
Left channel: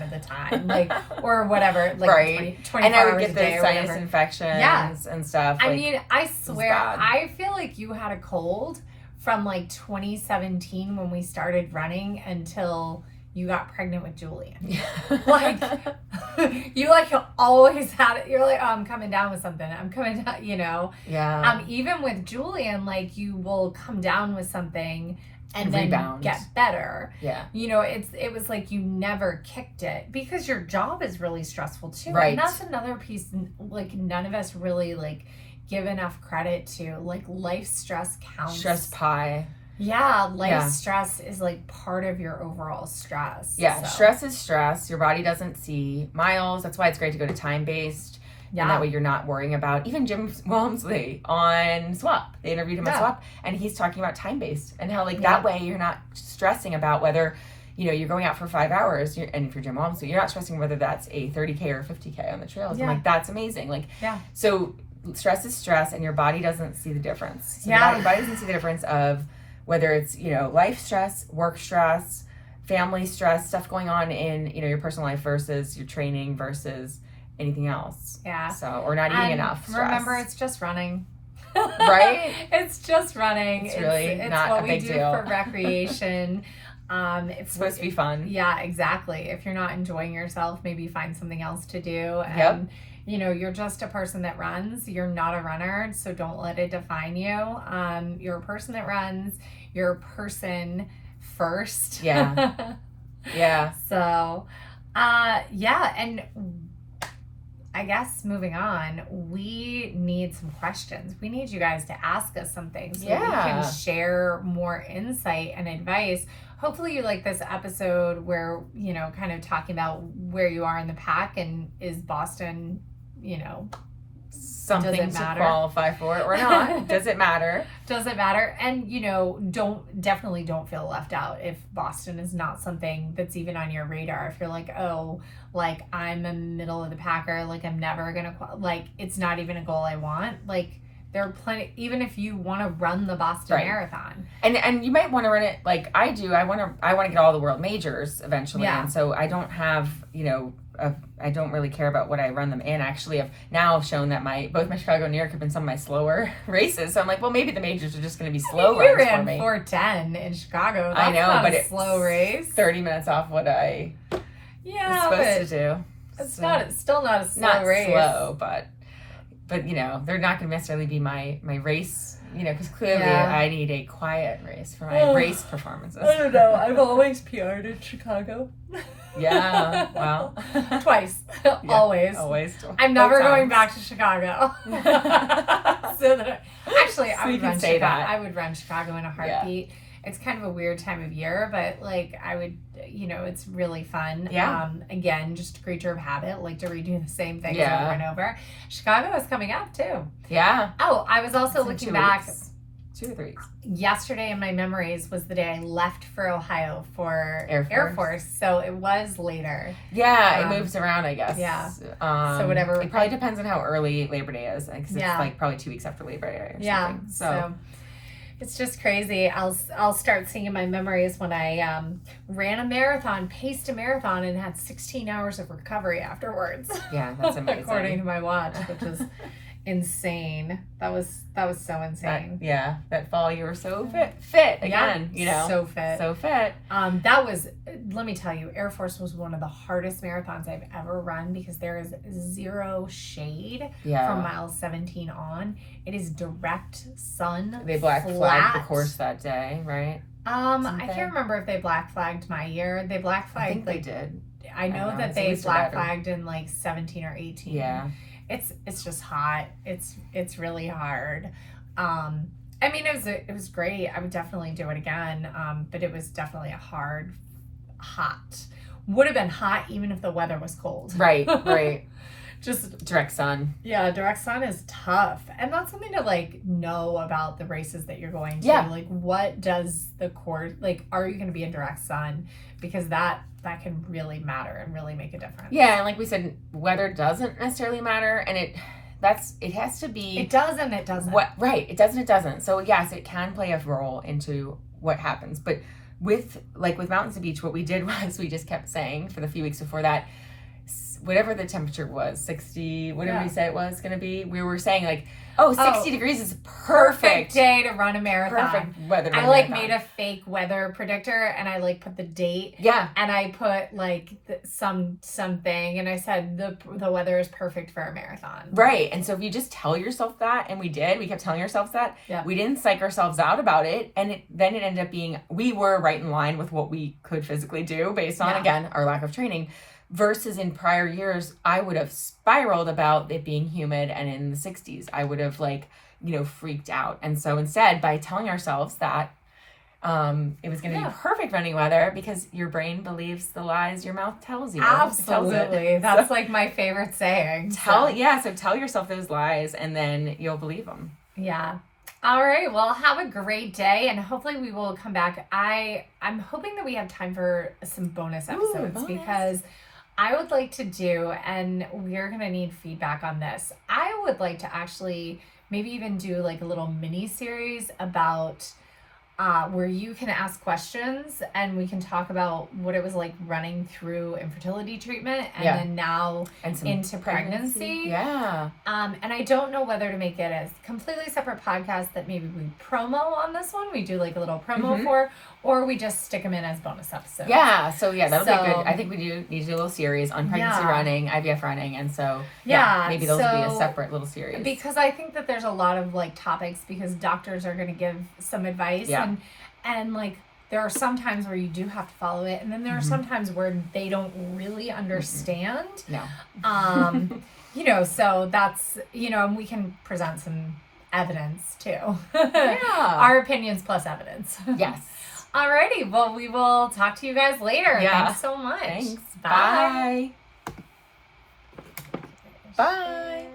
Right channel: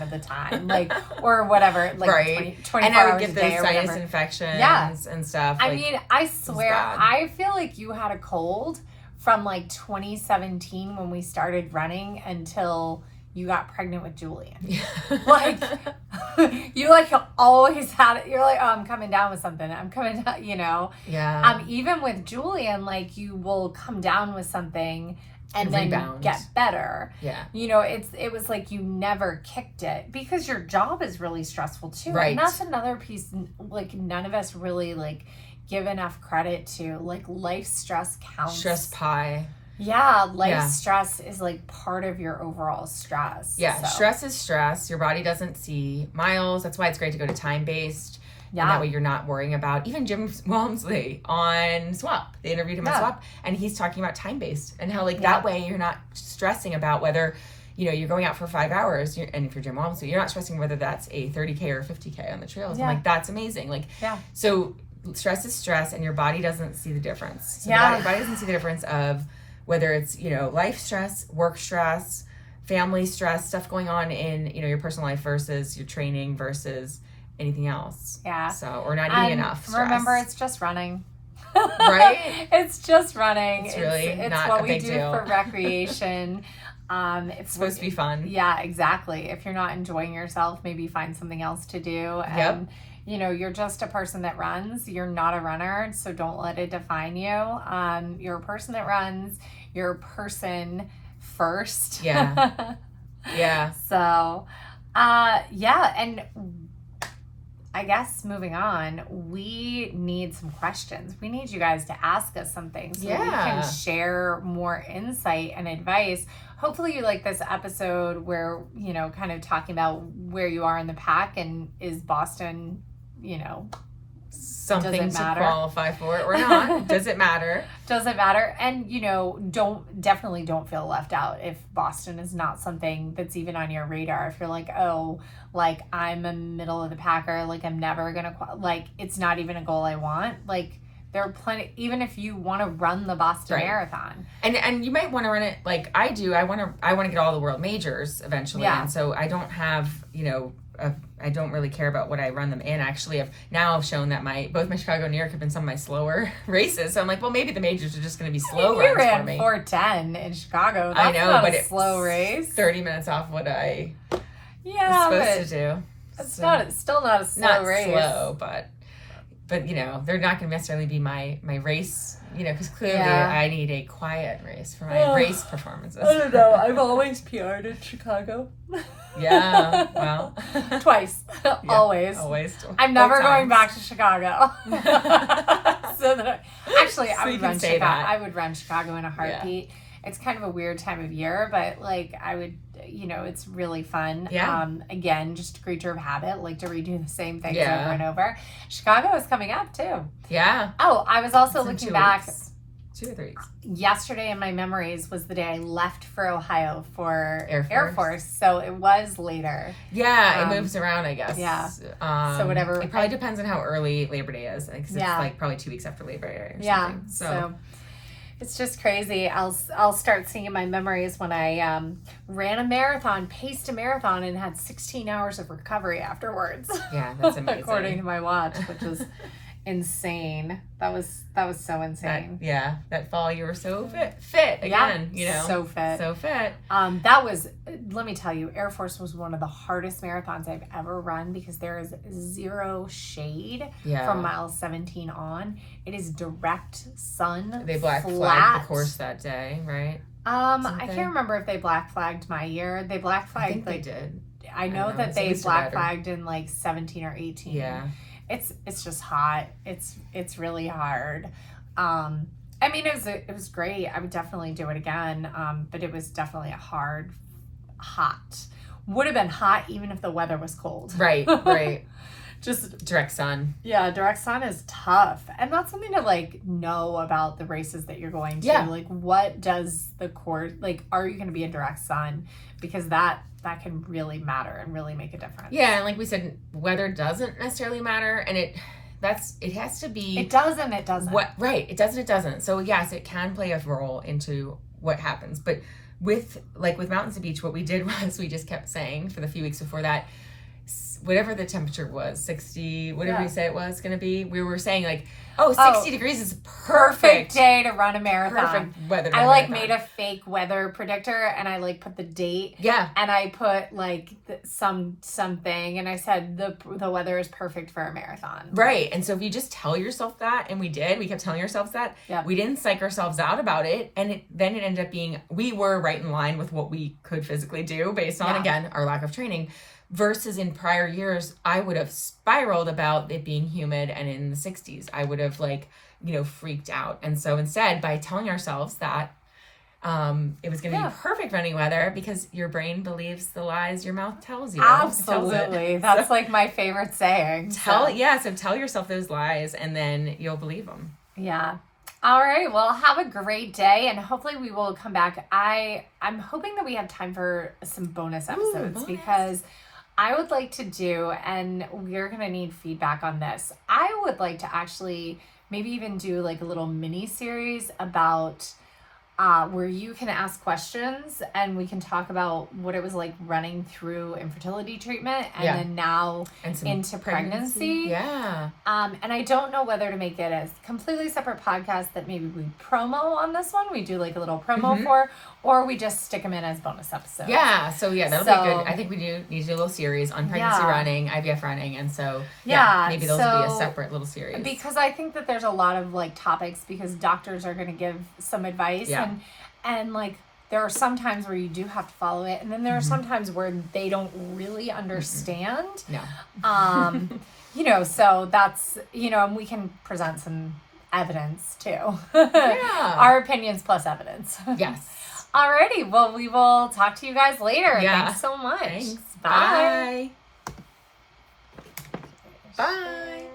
of the time, like, or whatever, like right. 24 and I would hours get a day those or sinus whatever. infections and stuff. I like, mean, I swear, I feel like you had a cold from like 2017 when we started running until you got pregnant with Julian. Like, you like always had it. You're like, oh, I'm coming down with something. I'm coming down, Yeah. Even with Julian, like, you will come down with something and then rebound. get better. Yeah. It was like you never kicked it because your job is really stressful too. Right. And that's another piece, like, none of us really like give enough credit to. Like, life stress counts. Stress pie. Yeah, stress is like part of your overall stress. Yeah, stress is stress. Your body doesn't see miles. That's why it's great to go to time-based. Yeah. And that way you're not worrying about, even Jim Walmsley on SWAP. They interviewed him on SWAP, and he's talking about time-based and how that way you're not stressing about whether, you're going out for 5 hours, and if you're Jim Walmsley, you're not stressing whether that's a 30K or 50K on the trails. Yeah. I'm like, that's amazing. Like, so stress is stress, and your body doesn't see the difference. So your body doesn't see the difference of whether it's, life stress, work stress, family stress, stuff going on in, your personal life versus your training versus anything else. Yeah. So, or not eating enough stress. Remember, it's just running. Right? It's just running. It's really not a big deal. It's what we do for recreation. It's supposed to be fun. Yeah, exactly. If you're not enjoying yourself, maybe find something else to do. Yep. You're just a person that runs. You're not a runner, so don't let it define you. You're a person that runs. You're a person first. Yeah. Yeah. So, and I guess moving on, we need some questions. We need you guys to ask us some things so we can share more insight and advice. Hopefully you like this episode where, kind of talking about where you are in the pack, and is Boston, something to qualify for it or not. Does it matter? Does it matter? And, definitely don't feel left out if Boston is not something that's even on your radar. If you're like, oh, like, I'm a middle of the packer, like, I'm never going to, like, it's not even a goal I want. Like, there are plenty, even if you want to run the Boston Marathon. And you might want to run it like I do. I want to get all the world majors eventually. Yeah. And so I don't have, I don't really care about what I run them in. Actually, I've now shown that both my Chicago and New York have been some of my slower races. So I'm like, well, maybe the majors are just going to be slow runs for me. You ran 4:10 in Chicago. That's I know, but it's a slow race. 30 minutes off what I was supposed to do. It's still not a slow race. Not slow, but they're not going to necessarily be my race. Because clearly I need a quiet race for my race performances. I don't know. I've always PR'd in Chicago. Yeah, well. Twice. Always. I'm never going back to Chicago. I would run Chicago in a heartbeat. Yeah. It's kind of a weird time of year, but like I would, it's really fun. Yeah. Again, just a creature of habit, like to redo the same things over and over. Chicago is coming up too. Yeah. Oh, I was also looking back. 2 or 3 weeks. Yesterday in my memories was the day I left for Ohio for Air Force. So it was later. Yeah, it moves around, I guess. Yeah. So whatever. It probably depends on how early Labor Day is. Because it's like probably 2 weeks after Labor Day or something. So it's just crazy. I'll start seeing in my memories when I ran a marathon, paced a marathon, and had 16 hours of recovery afterwards. Yeah, that's amazing. According to my watch, which is insane. That was so insane. That fall you were so fit again. So fit. That was, let me tell you, Air Force was one of the hardest marathons I've ever run because there is zero shade from miles 17 on. It is direct sun. They black flagged the course that day, right? I can't remember if they black flagged my year. They black flagged. I think they did. I know that they black flagged in like 17 or 18. Yeah. It's just hot. It's really hard. I mean, it was great. I would definitely do it again. But it was definitely a hot would have been hot even if the weather was cold. Right, right. Just direct sun. Yeah, direct sun is tough. And that's something to like know about the races that you're going to. Yeah. Like what does the course, like are you going to be in direct sun? Because that can really matter and really make a difference. Yeah, and like we said, weather doesn't necessarily matter, and it has to be. It does and it doesn't. Right, it does and it doesn't. So yes, it can play a role into what happens. But with Mountains to Beach, what we did was we just kept saying for the few weeks before that, whatever the temperature was, 60, whatever we said it was going to be, we were saying like, 60 degrees is perfect day to run a marathon. Perfect weather to run a marathon. Made a fake weather predictor and I like put the date. Yeah. And I put like something and I said the weather is perfect for a marathon. Right. And so if you just tell yourself that, and we kept telling ourselves that, we didn't psych ourselves out about it. And then it ended up being, we were right in line with what we could physically do based on, again, our lack of training. Versus in prior years, I would have spiraled about it being humid and in the 60s. I would have freaked out. And so instead, by telling ourselves that it was going to be perfect running weather, because your brain believes the lies your mouth tells you. Absolutely. That's like my favorite saying. So tell yourself those lies and then you'll believe them. Yeah. All right. Well, have a great day, and hopefully we will come back. I'm hoping that we have time for some bonus episodes because I would like to do, and we're going to need feedback on this. I would like to actually maybe even do like a little mini series about where you can ask questions and we can talk about what it was like running through infertility treatment and then now into pregnancy. Yeah. And I don't know whether to make it a completely separate podcast that maybe we promo on this one. We do like a little promo for, or we just stick them in as bonus episodes. Yeah. So that'll be good. I think we need to do a little series on pregnancy running, IVF running. And so, maybe those will be a separate little series. Because I think that there's a lot of like topics because doctors are going to give some advice and like there are some times where you do have to follow it, and then there are some times where they don't really understand. No. So that's, and we can present some evidence too. Yeah. Our opinions plus evidence. Yes. Alrighty. Well, we will talk to you guys later. Yeah. Thanks so much. Thanks. Bye. Bye. Bye.